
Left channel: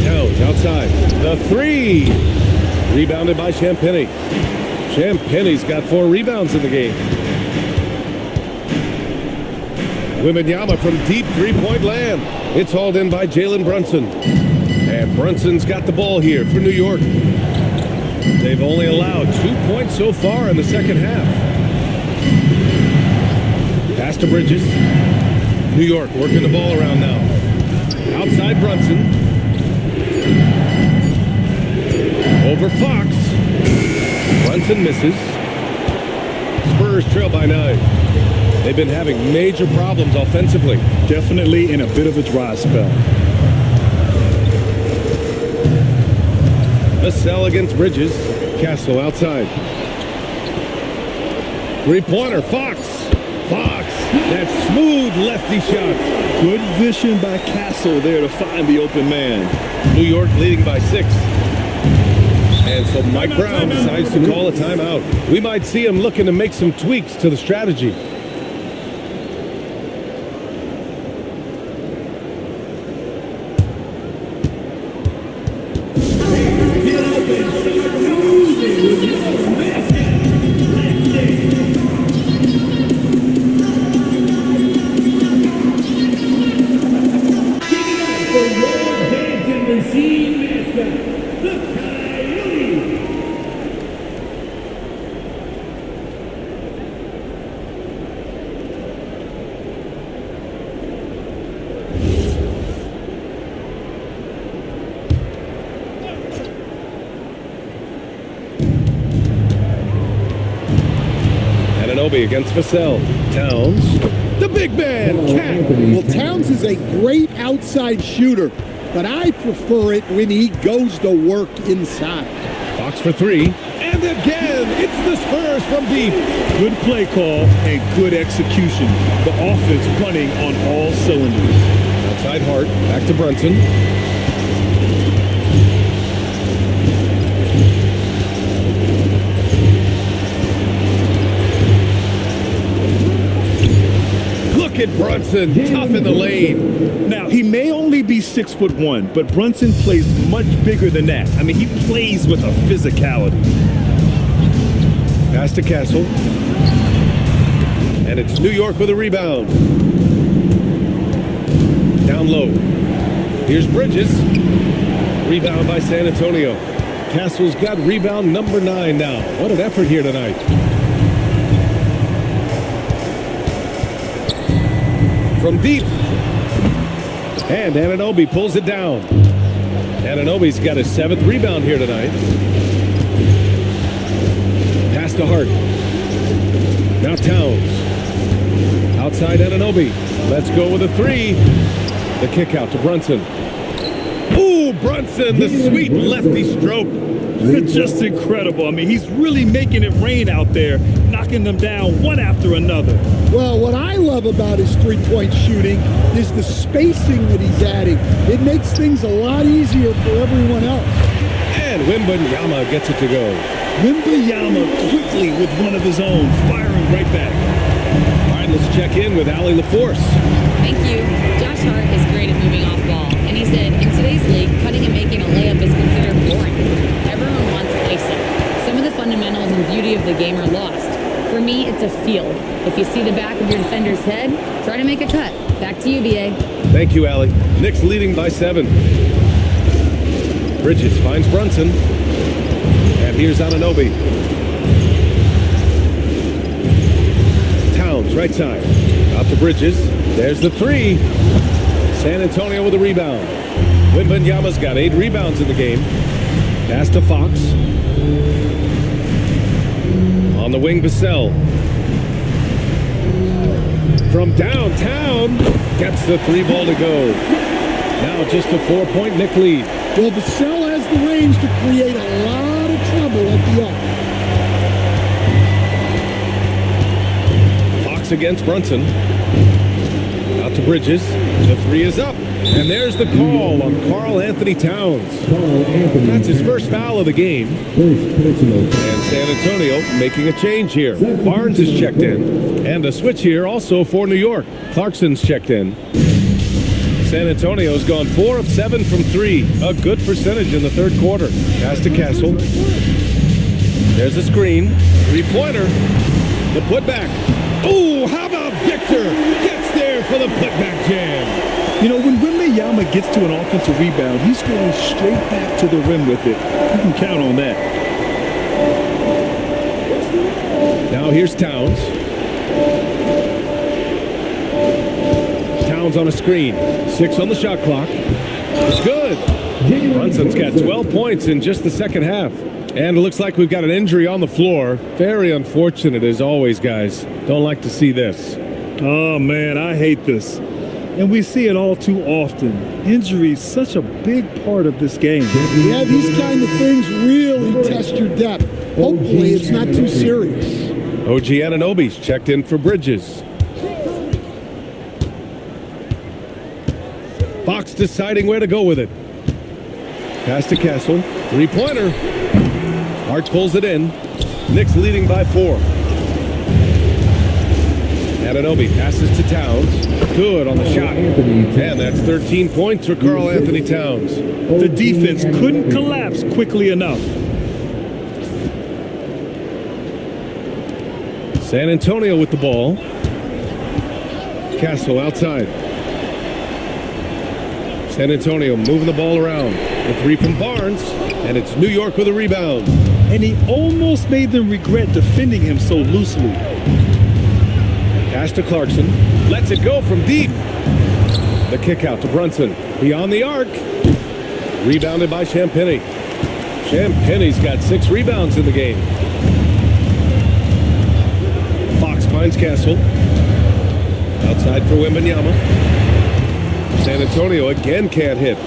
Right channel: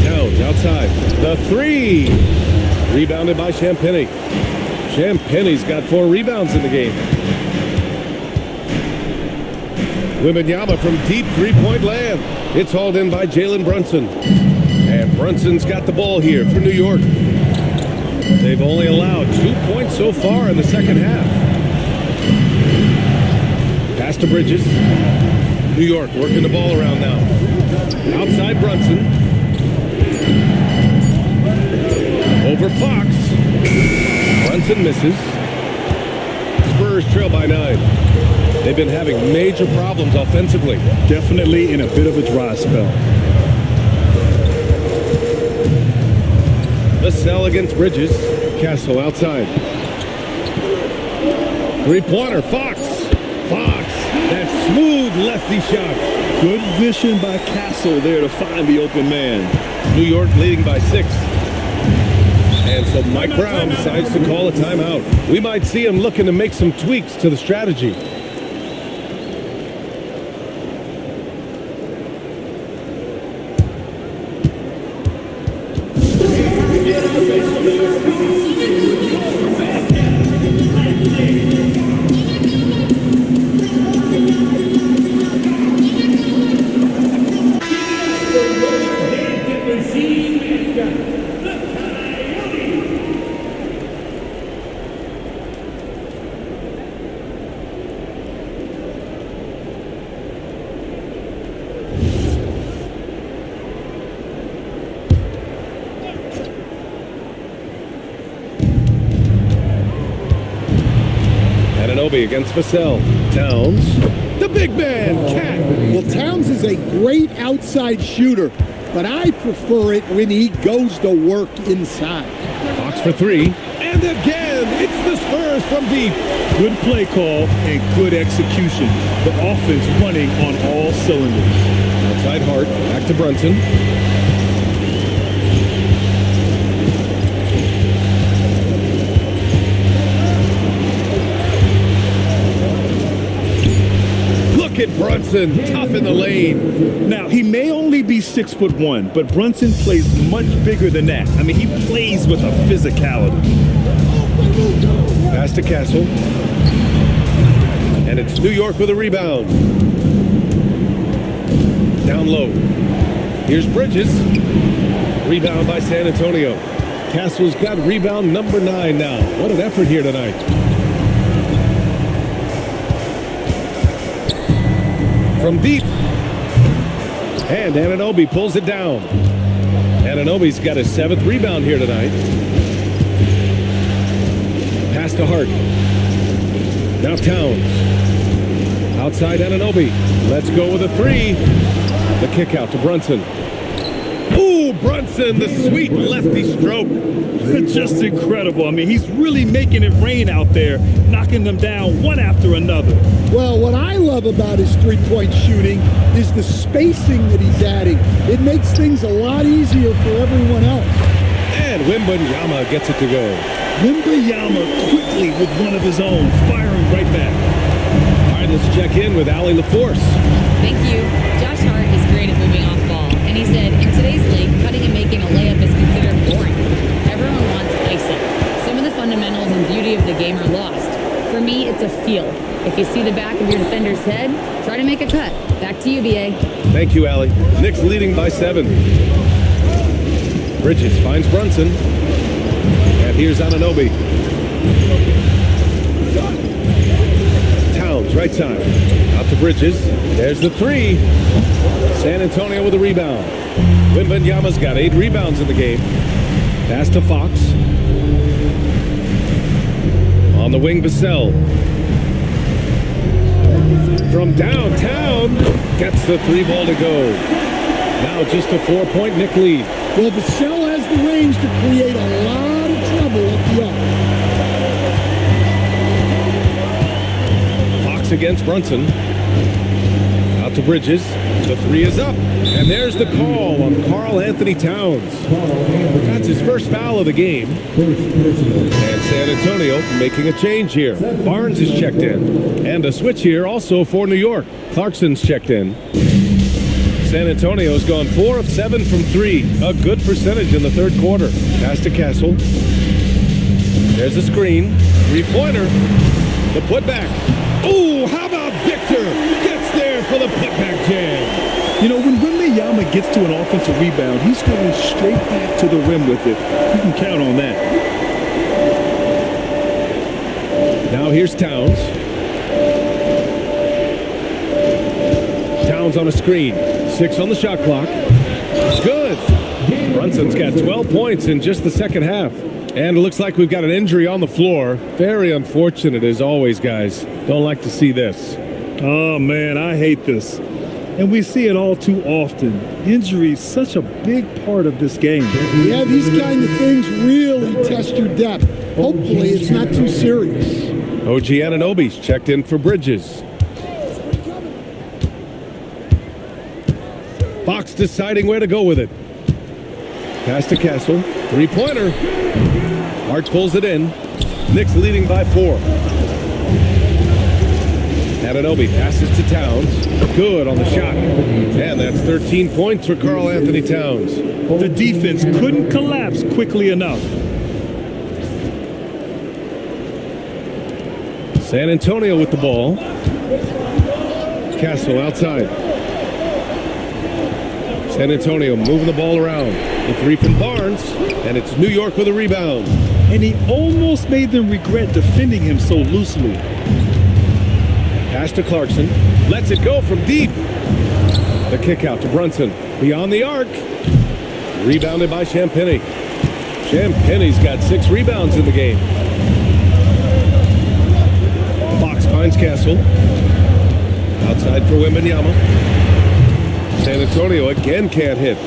Towns outside. The 3. Rebounded by Champagnie. Champagnie's got 4 rebounds in the game. Wembanyama from deep three-point land. It's hauled in by Jalen Brunson. And Brunson's got the ball here for New York. They've only allowed 2 points so far in the second half. Pass to Bridges. New York working the ball around now. Outside Brunson. Over Fox. Brunson misses. Spurs trail by 9. They've been having major problems offensively. Definitely in a bit of a dry spell. The sell against Bridges. Castle outside. Three-pointer, Fox. Fox, that smooth lefty shot. Good vision by Castle there to find the open man. New York leading by 6. And so Mike Brown decides to call a timeout. We might see him looking to make some tweaks to the strategy. Anunoby against Vassell. Towns. The big man, Cat. Well, Towns is a great outside shooter, but I prefer it when he goes to work inside. Fox for three. And again, it's the Spurs from deep. Good play call and good execution. The offense running on all cylinders. Outside Hart. Back to Brunson. Look at Brunson, tough in the lane. Now, he may only be 6'1", but Brunson plays much bigger than that. I mean, he plays with a physicality. Pass to Castle. And it's New York with a rebound. Down low. Here's Bridges. Rebound by San Antonio. Castle's got rebound number 9 now. What an effort here tonight. From deep. And Anunoby pulls it down. Anunoby's got his 7th rebound here tonight. Pass to Hart. Now Towns. Outside Anunoby. Let's go with a 3. The kick out to Brunson. Ooh, Brunson, the sweet lefty stroke. Just incredible. I mean, he's really making it rain out there, knocking them down one after another. Well, what I love about his three-point shooting is the spacing that he's adding. It makes things a lot easier for everyone else. And Wembanyama gets it to go. Wembanyama quickly with one of his own, firing right back. All right, let's check in with Allie LaForce. Thank you. Josh Hart is great at moving off ball, and he said, in today's league, cutting and making a layup is considered boring. Everyone wants ISO. Some of the fundamentals and beauty of the game are lost. For me, it's a feel. If you see the back of your defender's head, try to make a cut. Back to you, BA. Thank you, Allie. Knicks leading by 7. Bridges finds Brunson. And here's Anunoby. Towns, right side. Out to Bridges. There's the 3. San Antonio with a rebound. Wembanyama's got 8 rebounds in the game. Pass to Fox. On the wing, Vassell. From downtown, gets the 3 ball to go. Now just a 4-point Knick lead. Well, Vassell has the range to create a lot of trouble at the arc. Fox against Brunson. Out to Bridges. The 3 is up. And there's the call on Karl Anthony Towns. That's his first foul of the game. And San Antonio making a change here. Barnes is checked in. And a switch here also for New York. Clarkson's checked in. San Antonio's gone 4 of 7 from 3. A good percentage in the third quarter. Pass to Castle. There's a screen. 3-pointer. The putback. Oh, how about Victor? Gets there for the putback jam. You know, when Wembanyama gets to an offensive rebound, he's going straight back to the rim with it. You can count on that. Now here's Towns. Towns on a screen. 6 on the shot clock. It's good. Brunson's got 12 points in just the second half. And it looks like we've got an injury on the floor. Very unfortunate as always, guys. Don't like to see this. Oh, man, I hate this. And we see it all too often. Injuries, such a big part of this game. Yeah, these kind of things really test your depth. Hopefully it's not too serious. OG Anunoby's checked in for Bridges. Fox deciding where to go with it. Pass to Castle. 3-pointer. Hart pulls it in. Knicks leading by 4. Anunoby passes to Towns. Good on the shot. And that's 13 points for Karl Anthony Towns. The defense couldn't collapse quickly enough. San Antonio with the ball. Castle outside. San Antonio moving the ball around. The 3 from Barnes. And it's New York with a rebound. And he almost made them regret defending him so loosely. Pass to Clarkson. Lets it go from deep. The kick out to Brunson. Beyond the arc. Rebounded by Champagnie. Champagnie's got 6 rebounds in the game. finds Castle. Outside for Wembanyama. San Antonio again can't hit.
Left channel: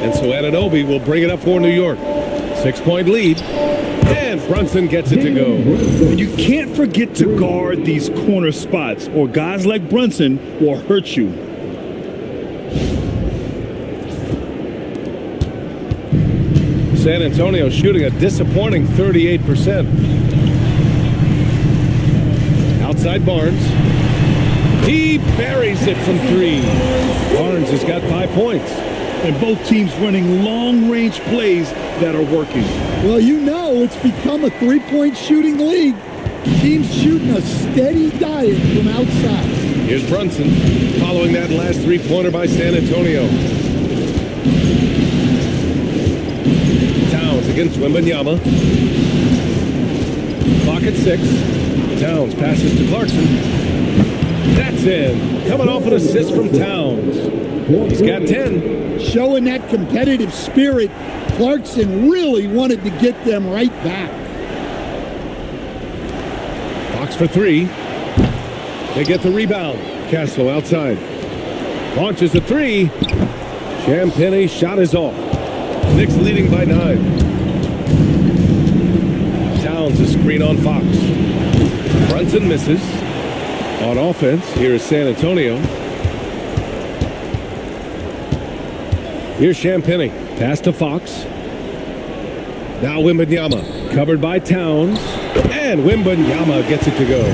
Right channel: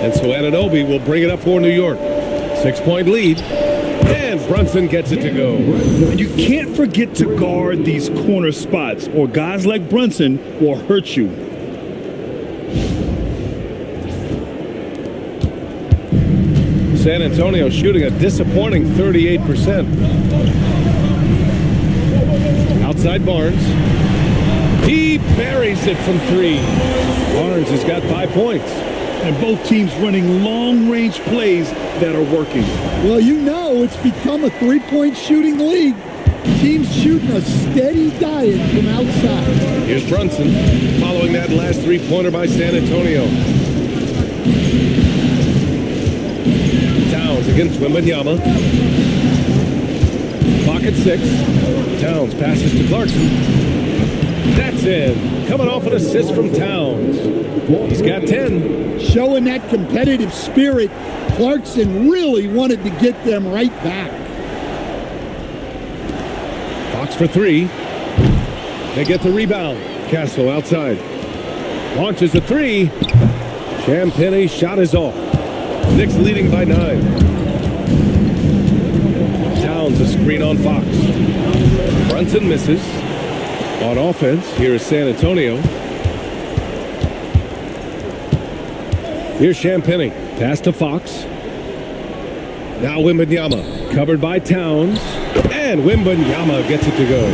And so Anunoby will bring it up for New York. 6-point lead. And Brunson gets it to go. And you can't forget to guard these corner spots, or guys like Brunson will hurt you. San Antonio shooting a disappointing 38%. Outside Barnes. He buries it from 3. Barnes has got 5 points. And both teams running long-range plays that are working. Well, you know it's become a three-point shooting league. Teams shooting a steady diet from outside. Here's Brunson following that last three-pointer by San Antonio. Towns against Wembanyama. Clock at 6. Towns passes to Clarkson. That's in. Coming off an assist from Towns. He's got 10. Showing that competitive spirit, Clarkson really wanted to get them right back. Fox for 3. They get the rebound. Castle outside. Launches a 3. Champagne's shot is off. Knicks leading by 9. Towns a screen on Fox. Brunson misses. On offense, here is San Antonio. Here's Champagnie. Pass to Fox. Now Wembanyama. Covered by Towns. And Wembanyama gets it to go.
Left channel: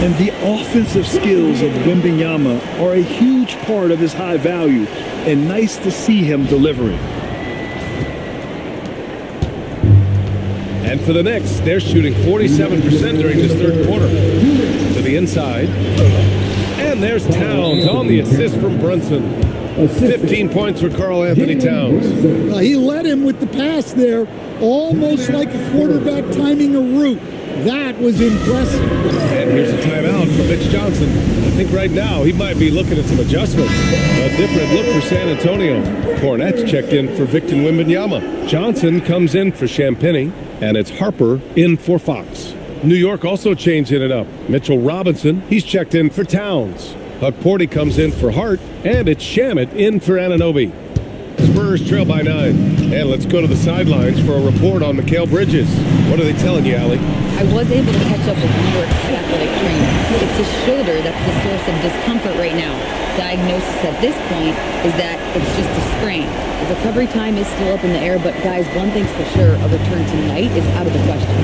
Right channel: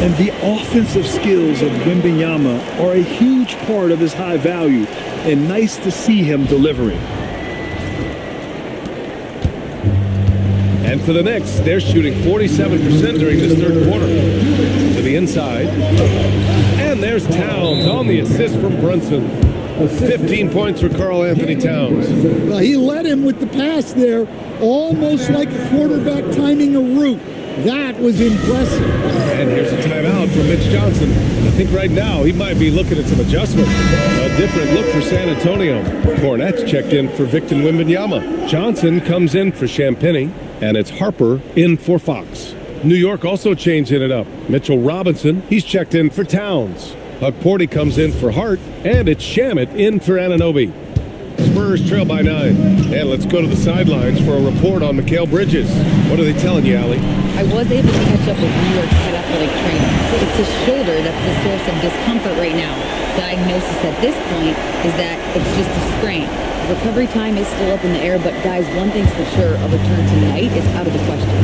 And the offensive skills of Wembanyama are a huge part of his high value. And nice to see him delivering. And for the Knicks, they're shooting 47% during this third quarter. To the inside. And there's Towns on the assist from Brunson. 15 points for Karl Anthony Towns. Well, he led him with the pass there, almost like a quarterback timing a route. That was impressive. And here's a timeout from Mitch Johnson. I think right now he might be looking at some adjustments. A different look for San Antonio. Cornette's checked in for Victor Wembanyama. Johnson comes in for Champagnie, and it's Harper in for Fox. New York also changing it up. Mitchell Robinson, he's checked in for Towns. Porty comes in for Hart, and it's Shamet in for Anunoby. Spurs trail by 9. And let's go to the sidelines for a report on Mikal Bridges. What are they telling you, Allie? I was able to catch up with New York's head athletic trainer. It's his shoulder that's the source of discomfort right now. Diagnosis at this point is that it's just a sprain. The recovery time is still up in the air, but guys, one thing's for sure, a return tonight is out of the question.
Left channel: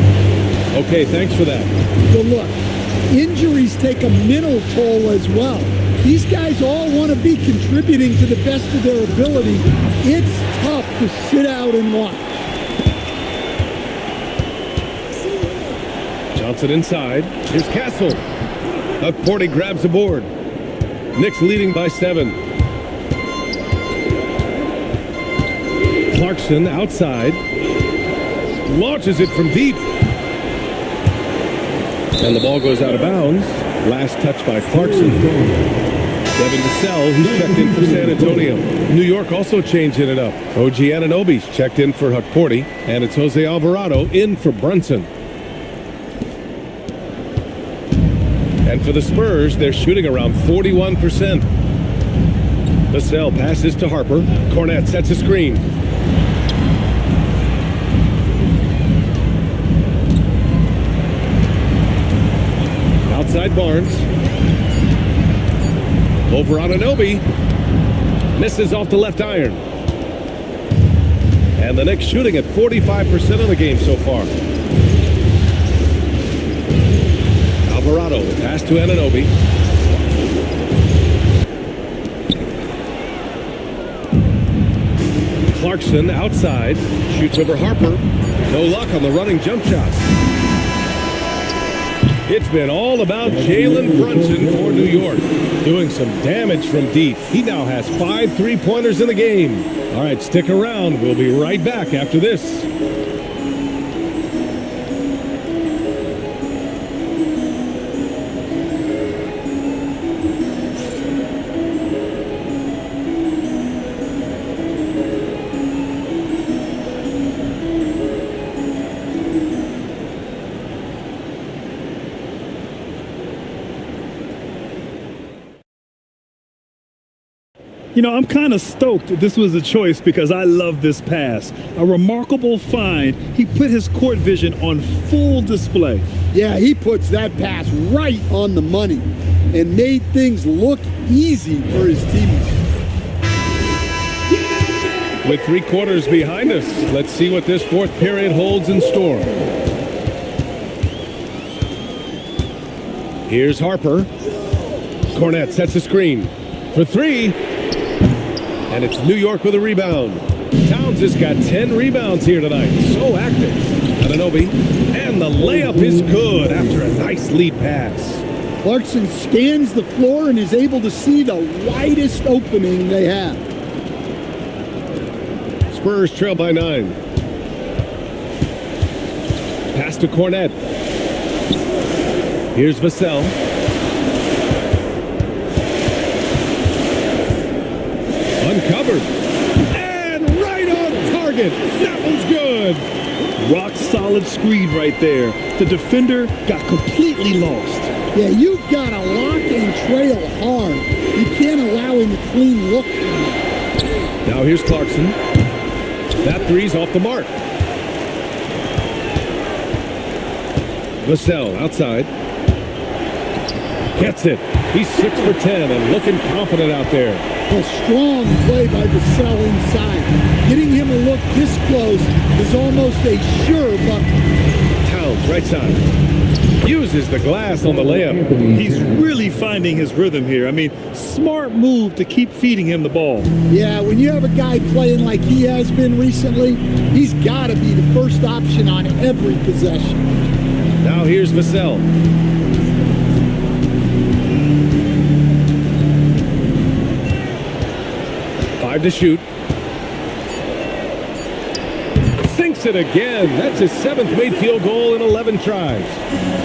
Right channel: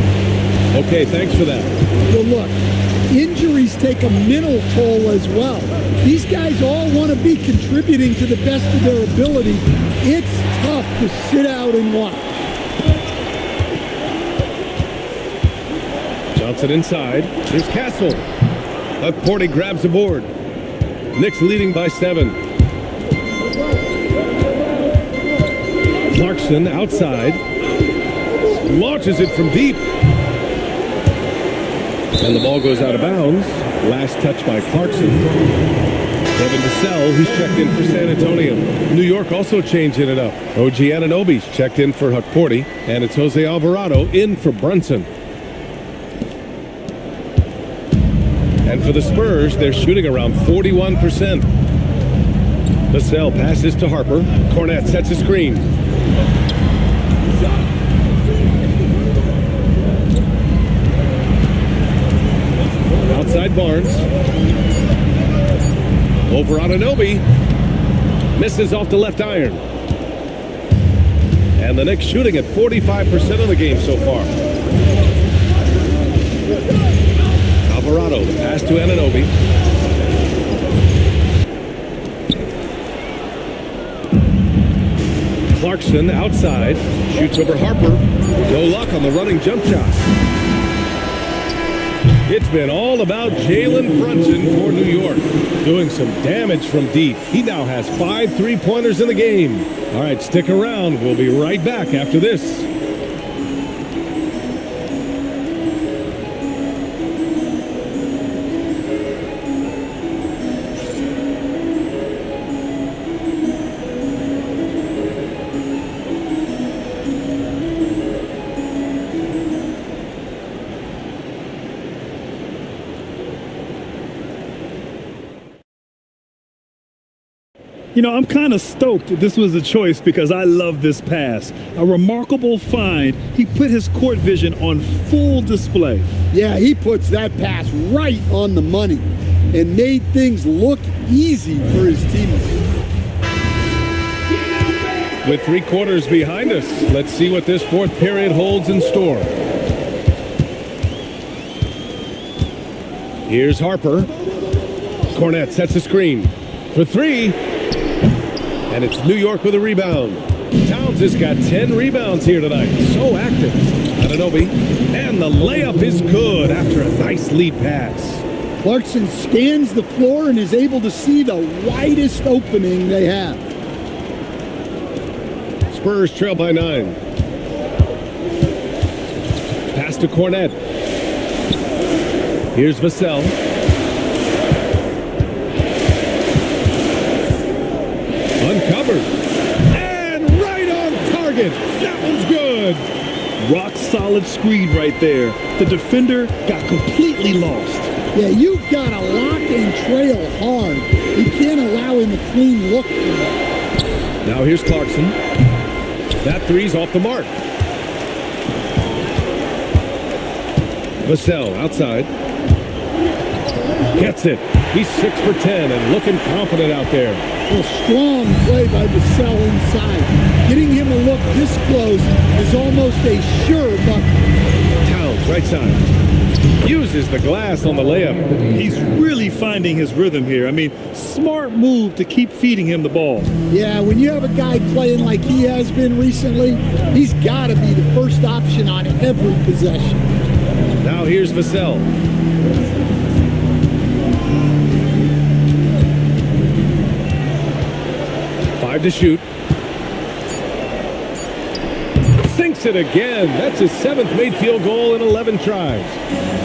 Okay, thanks for that. Well, look, injuries take a mental toll as well. These guys all want to be contributing to the best of their ability. It's tough to sit out and watch. Johnson inside. Here's Castle. Porty grabs the board. Knicks leading by 7. Clarkson outside. Launches it from deep. And the ball goes out of bounds. Last touch by Clarkson. Devin Vassell, he's checked in for San Antonio. New York also changing it up. OG Anunoby's checked in for Porty. And it's Jose Alvarado in for Brunson. And for the Spurs, they're shooting around 41%. Vassell passes to Harper. Cornette sets a screen. Outside Barnes. Over Anunoby. Misses off the left iron. And the Knicks shooting at 45% of the game so far. Alvarado, the pass to Anunoby. Clarkson outside. Shoots over Harper. No luck on the running jump shot. It's been all about Jalen Brunson for New York. Doing some damage from deep. He now has 5 3-pointers in the game. All right, stick around. We'll be right back after this. You know, I'm kind of stoked that this was a choice because I love this pass. A remarkable find. He put his court vision on full display. Yeah, he puts that pass right on the money and made things look easy for his teammates. With 3 quarters behind us, let's see what this fourth period holds in store. Here's Harper. Cornette sets a screen for 3. And it's New York with a rebound. Towns has got 10 rebounds here tonight. So active. Anunoby. And the layup is good after a nice lead pass. Clarkson scans the floor and is able to see the widest opening they have. Spurs trail by 9. Pass to Cornette. Here's Vassell. Uncovered. And right on target. That one's good. Rock solid screen right there. The defender got completely lost. Yeah, you've got to lock and trail hard. You can't allow him a clean look from that. Now here's Clarkson. That 3's off the mark. Vassell outside. Gets it. He's 6 for 10 and looking confident out there. Well, strong play by Vassell inside. Getting him a look this close is almost a sure bucket. Towns right side. Uses the glass on the layup. He's really finding his rhythm here. I mean, smart move to keep feeding him the ball. Yeah, when you have a guy playing like he has been recently, he's got to be the first option on every possession. Now here's Vassell. Five to shoot. Sinks it again. That's his 7th made field goal in 11 tries.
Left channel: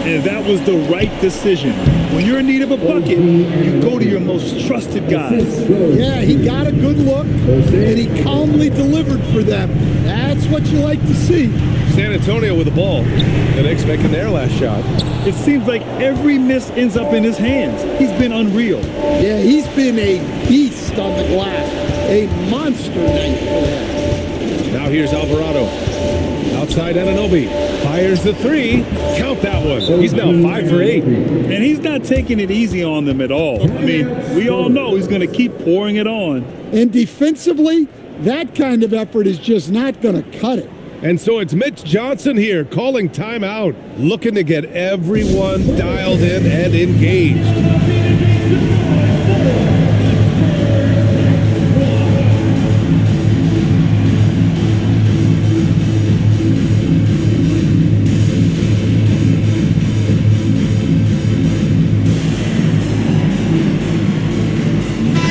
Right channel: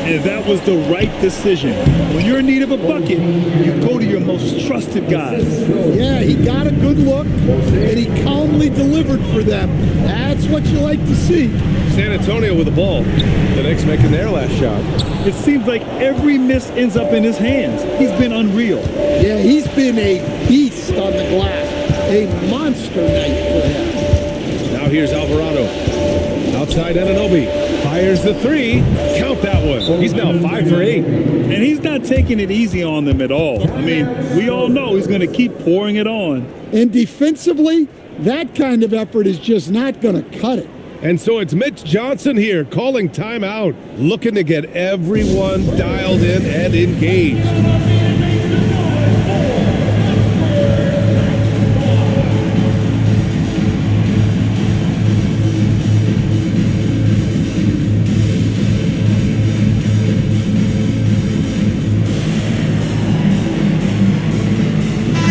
And that was the right decision. When you're in need of a bucket, you go to your most trusted guys. Yeah, he got a good look, and he calmly delivered for them. That's what you like to see. San Antonio with the ball. The Knicks making their last shot. It seems like every miss ends up in his hands. He's been unreal. Yeah, he's been a beast on the glass. A monster night for him. Now here's Alvarado. Outside Anunoby. Fires the 3. Count that one. He's now 5 for 8. And he's not taking it easy on them at all. I mean, we all know he's going to keep pouring it on. And defensively, that kind of effort is just not going to cut it. And so it's Mitch Johnson here calling timeout, looking to get everyone dialed in and engaged.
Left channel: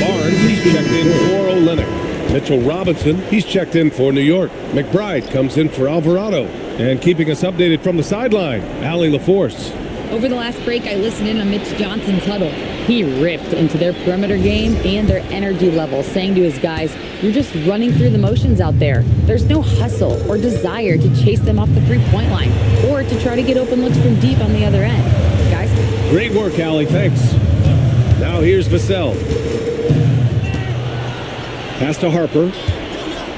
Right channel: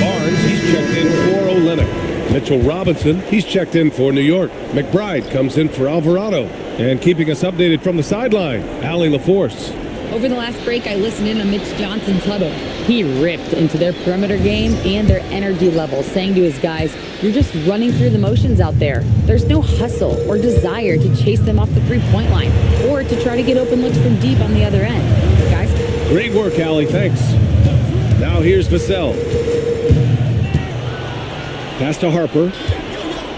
Barnes, he's checked in for Olynyk. Mitchell Robinson, he's checked in for New York. McBride comes in for Alvarado. And keeping us updated from the sideline, Allie LaForce. Over the last break, I listened in on Mitch Johnson's huddle. He ripped into their perimeter game and their energy level, saying to his guys, "You're just running through the motions out there. There's no hustle or desire to chase them off the three-point line or to try to get open looks from deep on the other end." Guys? Great work, Allie. Thanks. Now here's Vassell. Pass to Harper.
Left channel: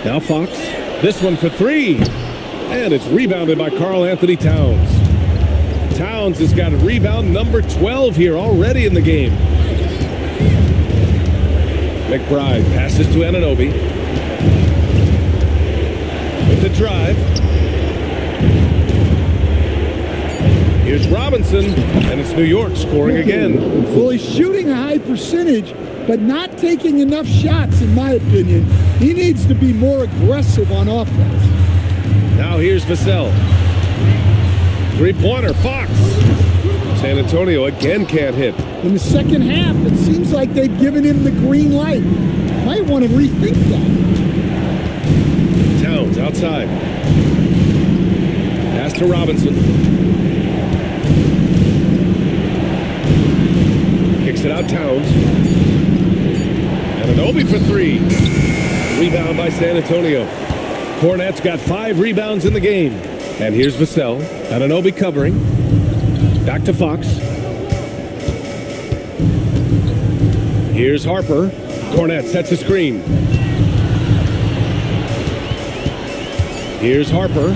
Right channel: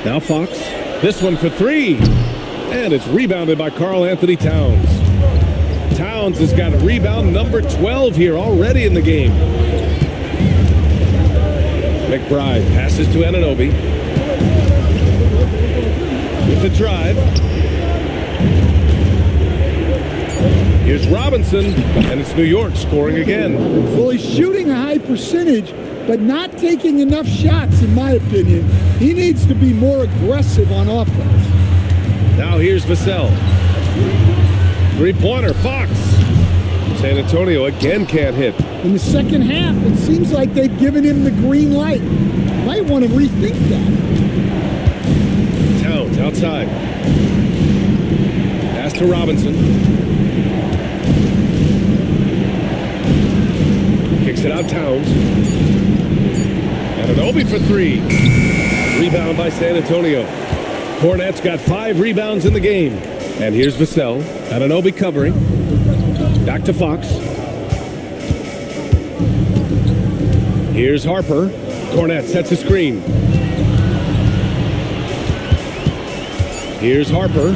Now Fox. This one for 3. And it's rebounded by Karl Anthony Towns. Towns has got a rebound number 12 here already in the game. McBride passes to Anunoby. With the drive. Here's Robinson, and it's New York scoring again. Well, he's shooting a high percentage, but not taking enough shots, in my opinion. He needs to be more aggressive on offense. Now here's Vassell. Three-pointer, Fox. San Antonio again can't hit. In the second half, it seems like they've given him the green light. Might want to rethink that. Towns outside. Pass to Robinson. Kicks it out, Towns. Anunoby for 3. Rebound by San Antonio. Cornette's got 5 rebounds in the game. And here's Vassell. Anunoby covering. Back to Fox. Here's Harper. Cornette sets a screen. Here's Harper.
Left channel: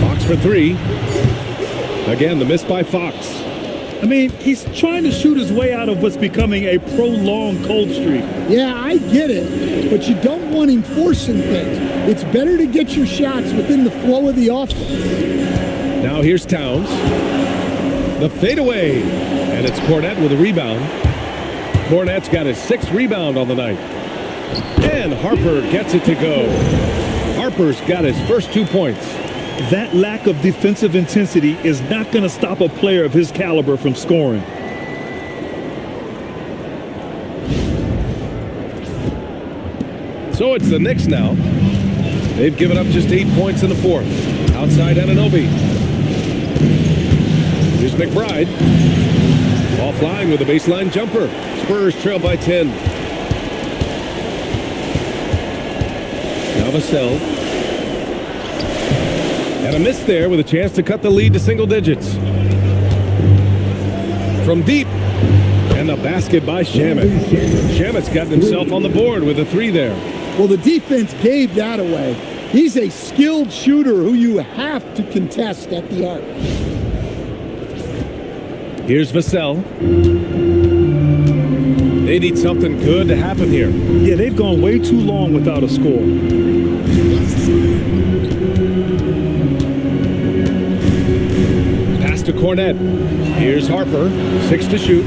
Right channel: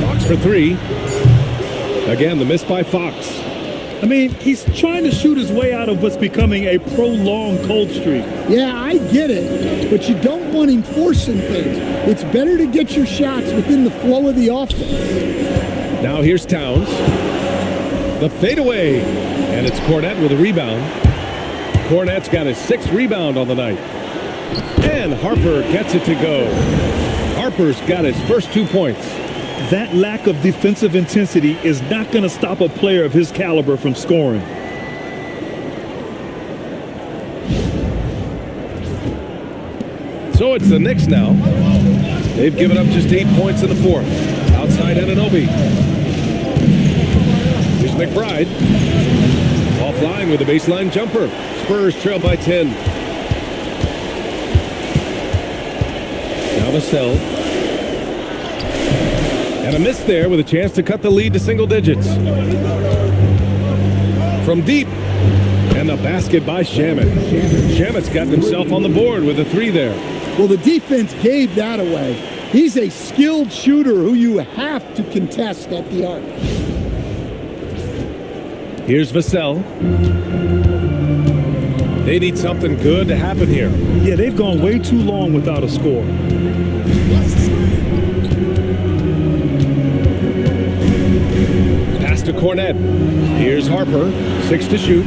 Fox for three. Again, the miss by Fox. I mean, he's trying to shoot his way out of what's becoming a prolonged cold streak. Yeah, I get it, but you don't want him forcing things. It's better to get your shots within the flow of the offense. Now here's Towns. The fadeaway. And it's Cornette with a rebound. Cornette's got his 6th rebound on the night. And Harper gets it to go. Harper's got his first 2 points. That lack of defensive intensity is not going to stop a player of his caliber from scoring. So it's the Knicks now. They've given up just 8 points in the 4th. Outside Anunoby. Here's McBride. Offline with a baseline jumper. Spurs trail by 10. Now Vassell. And a miss there with a chance to cut the lead to single digits. From deep. And the basket by Shamet. Shamet's gotten himself on the board with a 3 there. Well, the defense gave that away. He's a skilled shooter who you have to contest at the arc. Here's Vassell. They need something good to happen here. Yeah, they've gone way too long without a score. Pass to Cornette. Here's Harper. 6 to shoot.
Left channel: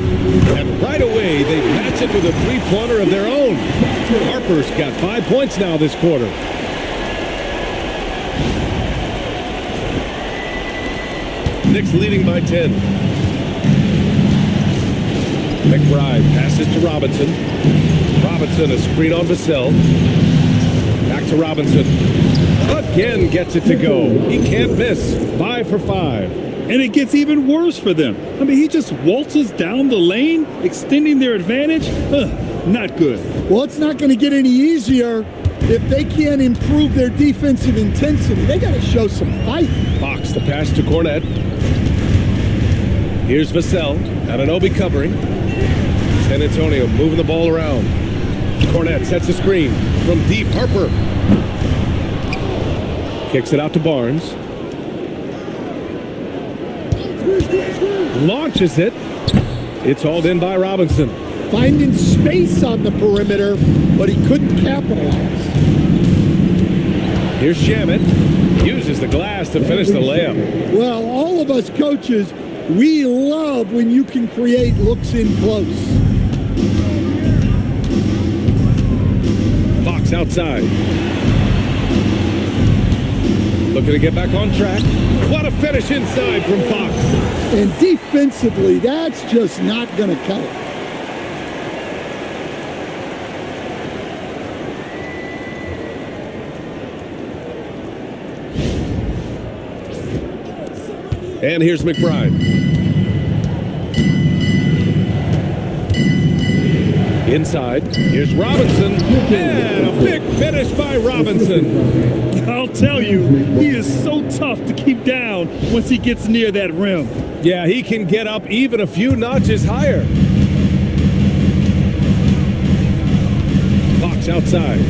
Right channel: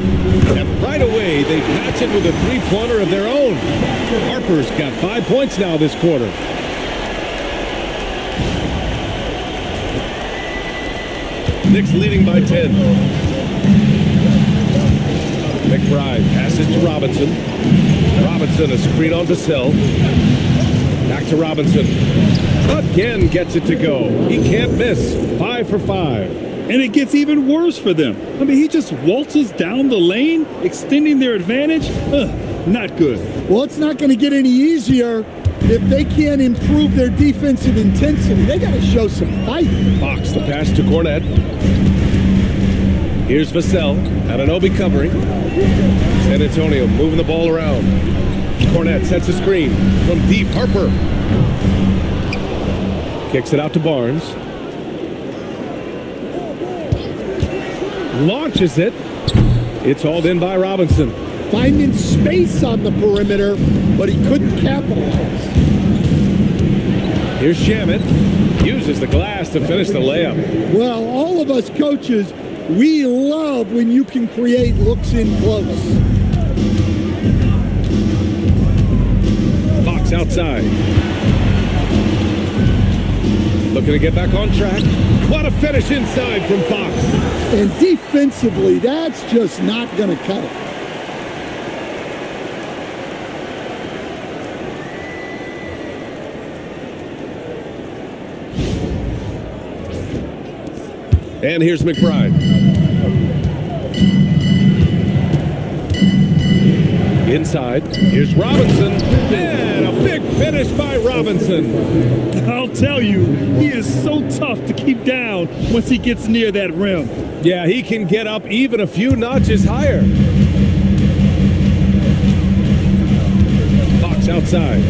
And right away, they match it with a 3-pointer of their own. Harper's got 5 points now this quarter. Knicks leading by 10. McBride passes to Robinson. Robinson, a screen on Vassell. Back to Robinson. Again gets it to go. He can't miss. 5 for 5. And it gets even worse for them. I mean, he just waltzes down the lane, extending their advantage. Not good. Well, it's not going to get any easier if they can't improve their defensive intensity. They got to show some fight. Fox, the pass to Cornette. Here's Vassell. Anunoby covering. San Antonio moving the ball around. Cornette sets a screen from deep. Harper kicks it out to Barnes. Launches it. It's hauled in by Robinson. Finding space on the perimeter, but he couldn't capitalize. Here's Shamet. Uses the glass to finish the layup. Well, all of us coaches, we love when you can create looks in close. Fox outside. Looking to get back on track. What a finish inside from Fox. And defensively, that's just not going to cut it. And here's McBride. Inside, here's Robinson. And a big finish by Robinson. I'll tell you, he is so tough to keep down once he gets near that rim. Yeah, he can get up even a few notches higher. Fox outside.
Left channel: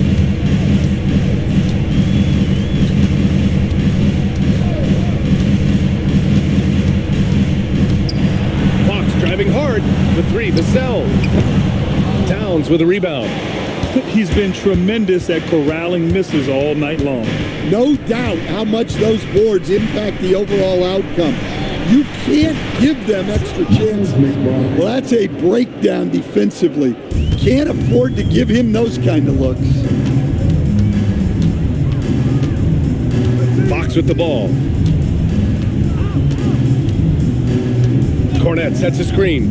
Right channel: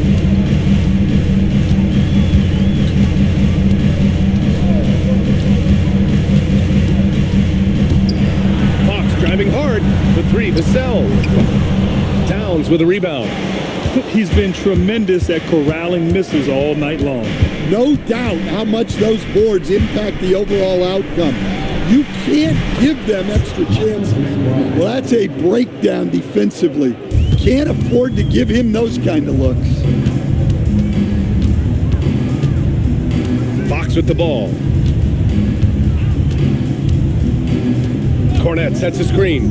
Fox driving hard for 3 to Vassell. Towns with a rebound. He's been tremendous at corralling misses all night long. No doubt how much those boards impact the overall outcome. You can't give them extra chances. Well, that's a breakdown defensively. Can't afford to give him those kind of looks. Fox with the ball. Cornette sets a screen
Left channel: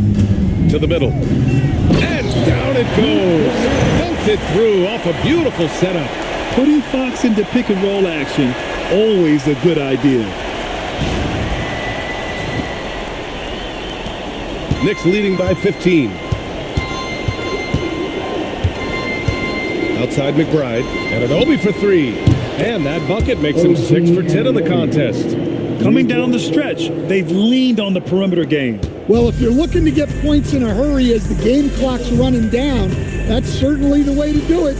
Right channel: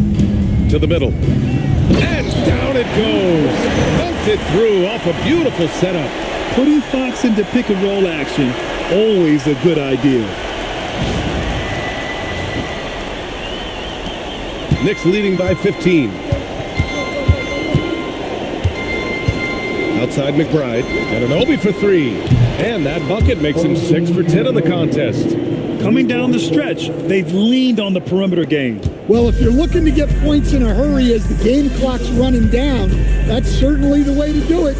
to the middle. And down it goes. Dunked it through off a beautiful setup. Putting Fox into pick and roll action, always a good idea. Knicks leading by 15. Outside McBride. And Anunoby for 3. And that bucket makes him 6 for 10 in the contest. Coming down the stretch, they've leaned on the perimeter game. Well, if you're looking to get points in a hurry as the game clock's running down, That's certainly the way to do it.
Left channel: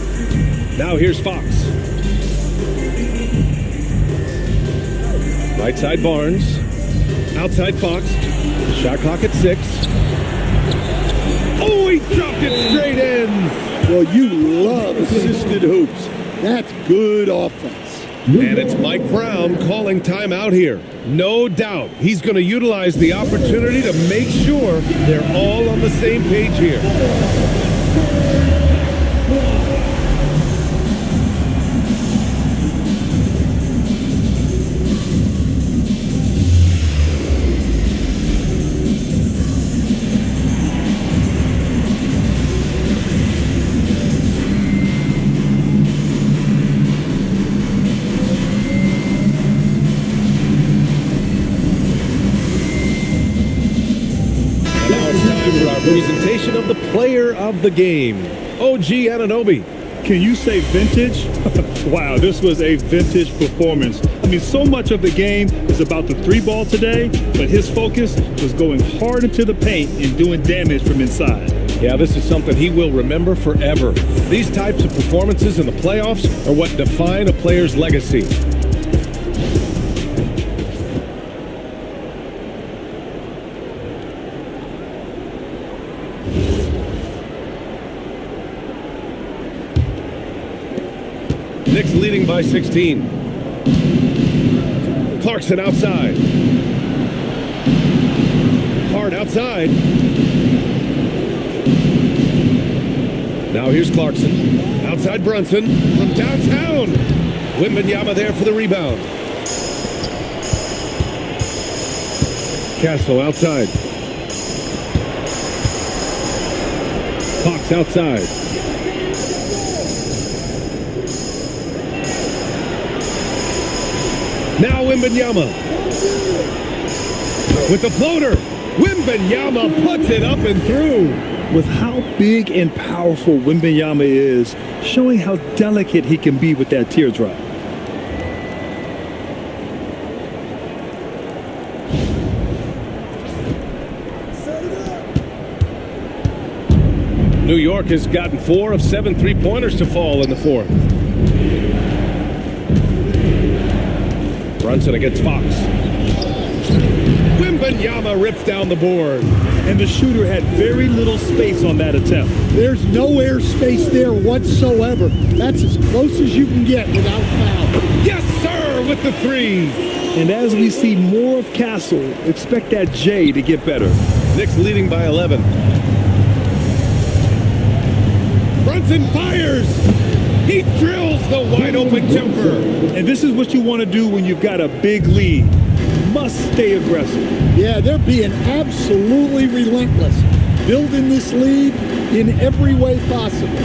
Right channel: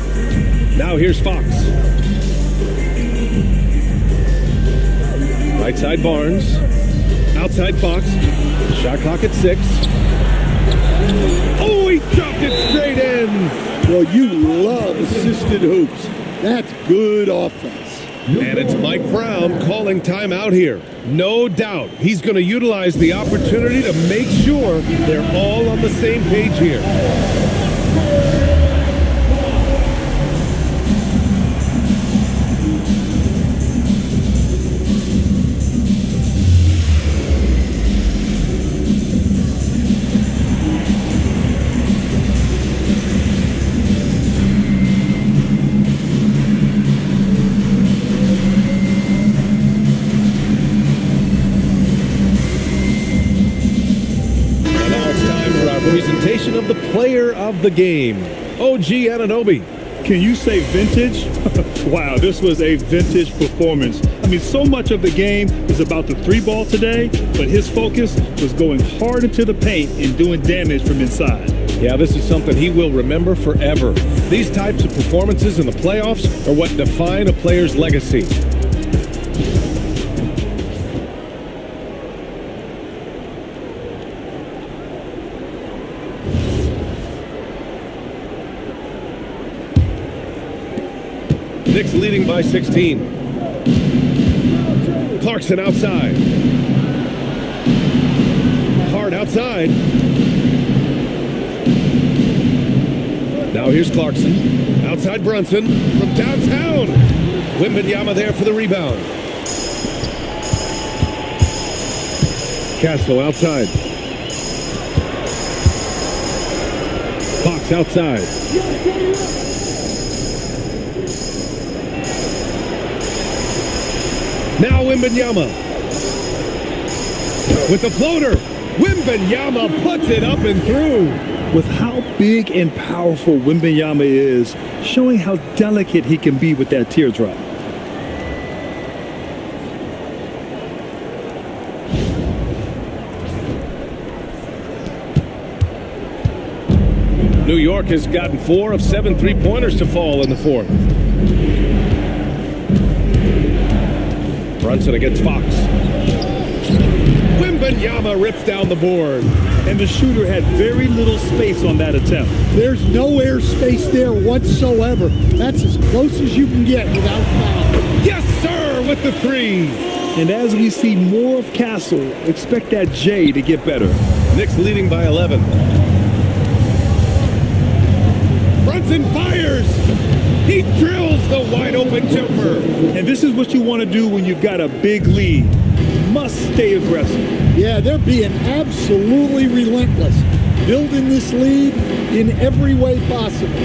Now here's Fox. Right side Barnes. Outside Fox. Shot clock at 6. Oh, he dropped it straight in. Well, you love assisted hoops. That's good offense. And it's Mike Brown calling timeout here. No doubt he's going to utilize the opportunity to make sure they're all on the same page here. And now it's time for our presentation of the player of the game, OG Anunoby. Can you say vintage? Wow, this was a vintage performance. I mean, so much of the game is about the 3-ball today, but his focus was going hard into the paint and doing damage from inside. Yeah, this is something he will remember forever. These types of performances in the playoffs are what define a player's legacy. Knicks leading by 16. Clarkson outside. Hard outside. Now here's Clarkson. Outside Brunson from downtown. Wembanyama there for the rebound. Castle outside. Fox outside. Now Wembanyama. With the floater. Wembanyama puts it up and through. With how big and powerful Wembanyama is, showing how delicate he can be with that teardrop. New York has gotten 4 of 7 3-pointers to fall in the fourth. Brunson against Fox. Wembanyama rips down the board. And the shooter had very little space on that attempt. There's no air space there whatsoever. That's as close as you can get without foul. Yes, sir, with the 3. And as we see more of Castle, expect that J to get better. Knicks leading by 11. Brunson fires. He drills the wide open jumper. And this is what you want to do when you've got a big lead. You must stay aggressive. Yeah, they're being absolutely relentless, building this lead in every way possible.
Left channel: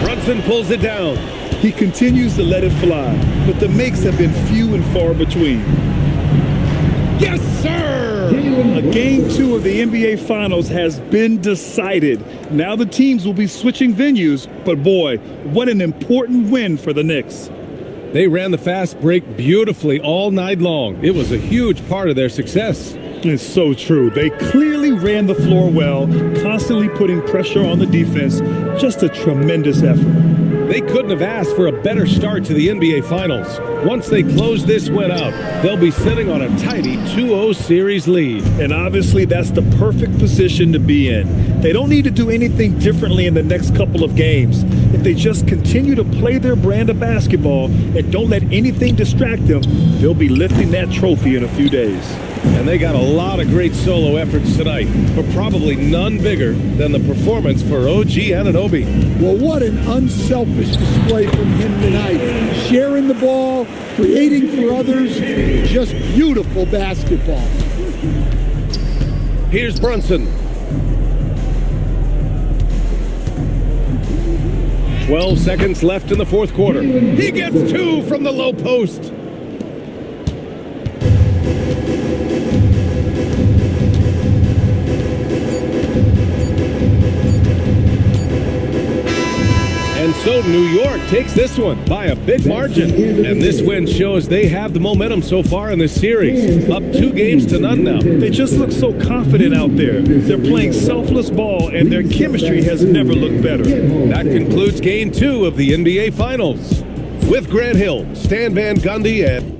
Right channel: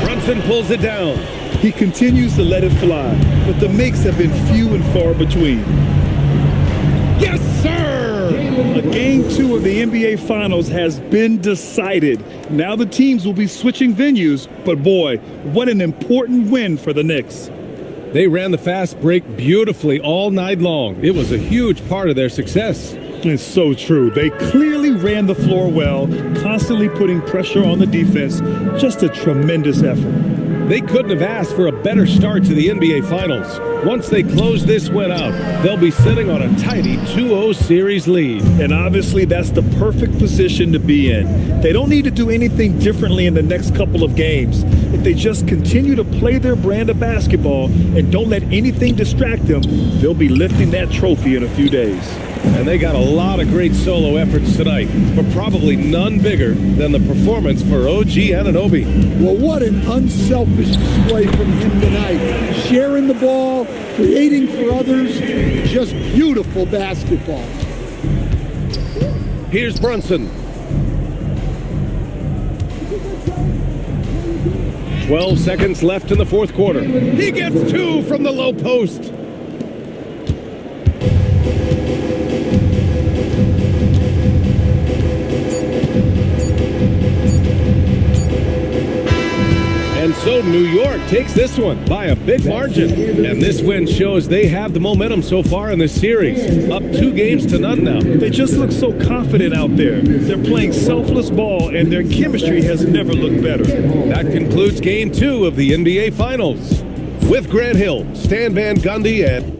Brunson pulls it down. He continues to let it fly, but the makes have been few and far between. Yes, sir! A Game 2 of the NBA Finals has been decided. Now the teams will be switching venues, but boy, what an important win for the Knicks. They ran the fast break beautifully all night long. It was a huge part of their success. It's so true. They clearly ran the floor well, constantly putting pressure on the defense. Just a tremendous effort. They couldn't have asked for a better start to the NBA Finals. Once they close this win out, they'll be sitting on a tidy 2-0 series lead. And obviously that's the perfect position to be in. They don't need to do anything differently in the next couple of games. If they just continue to play their brand of basketball and don't let anything distract them, they'll be lifting that trophy in a few days. And they got a lot of great solo efforts tonight, but probably none bigger than the performance for OG Anunoby. Well, what an unselfish display from him tonight. Sharing the ball, creating for others, just beautiful basketball. Here's Brunson. 12 seconds left in the fourth quarter. He gets 2 from the low post. And so New York takes this one by a big margin. And this win shows they have the momentum so far in this series. Up 2-0 now. They just look so confident out there. They're playing selfless ball, and their chemistry has never looked better. That concludes Game 2 of the NBA Finals. With Grant Hill, Stan Van Gundy, and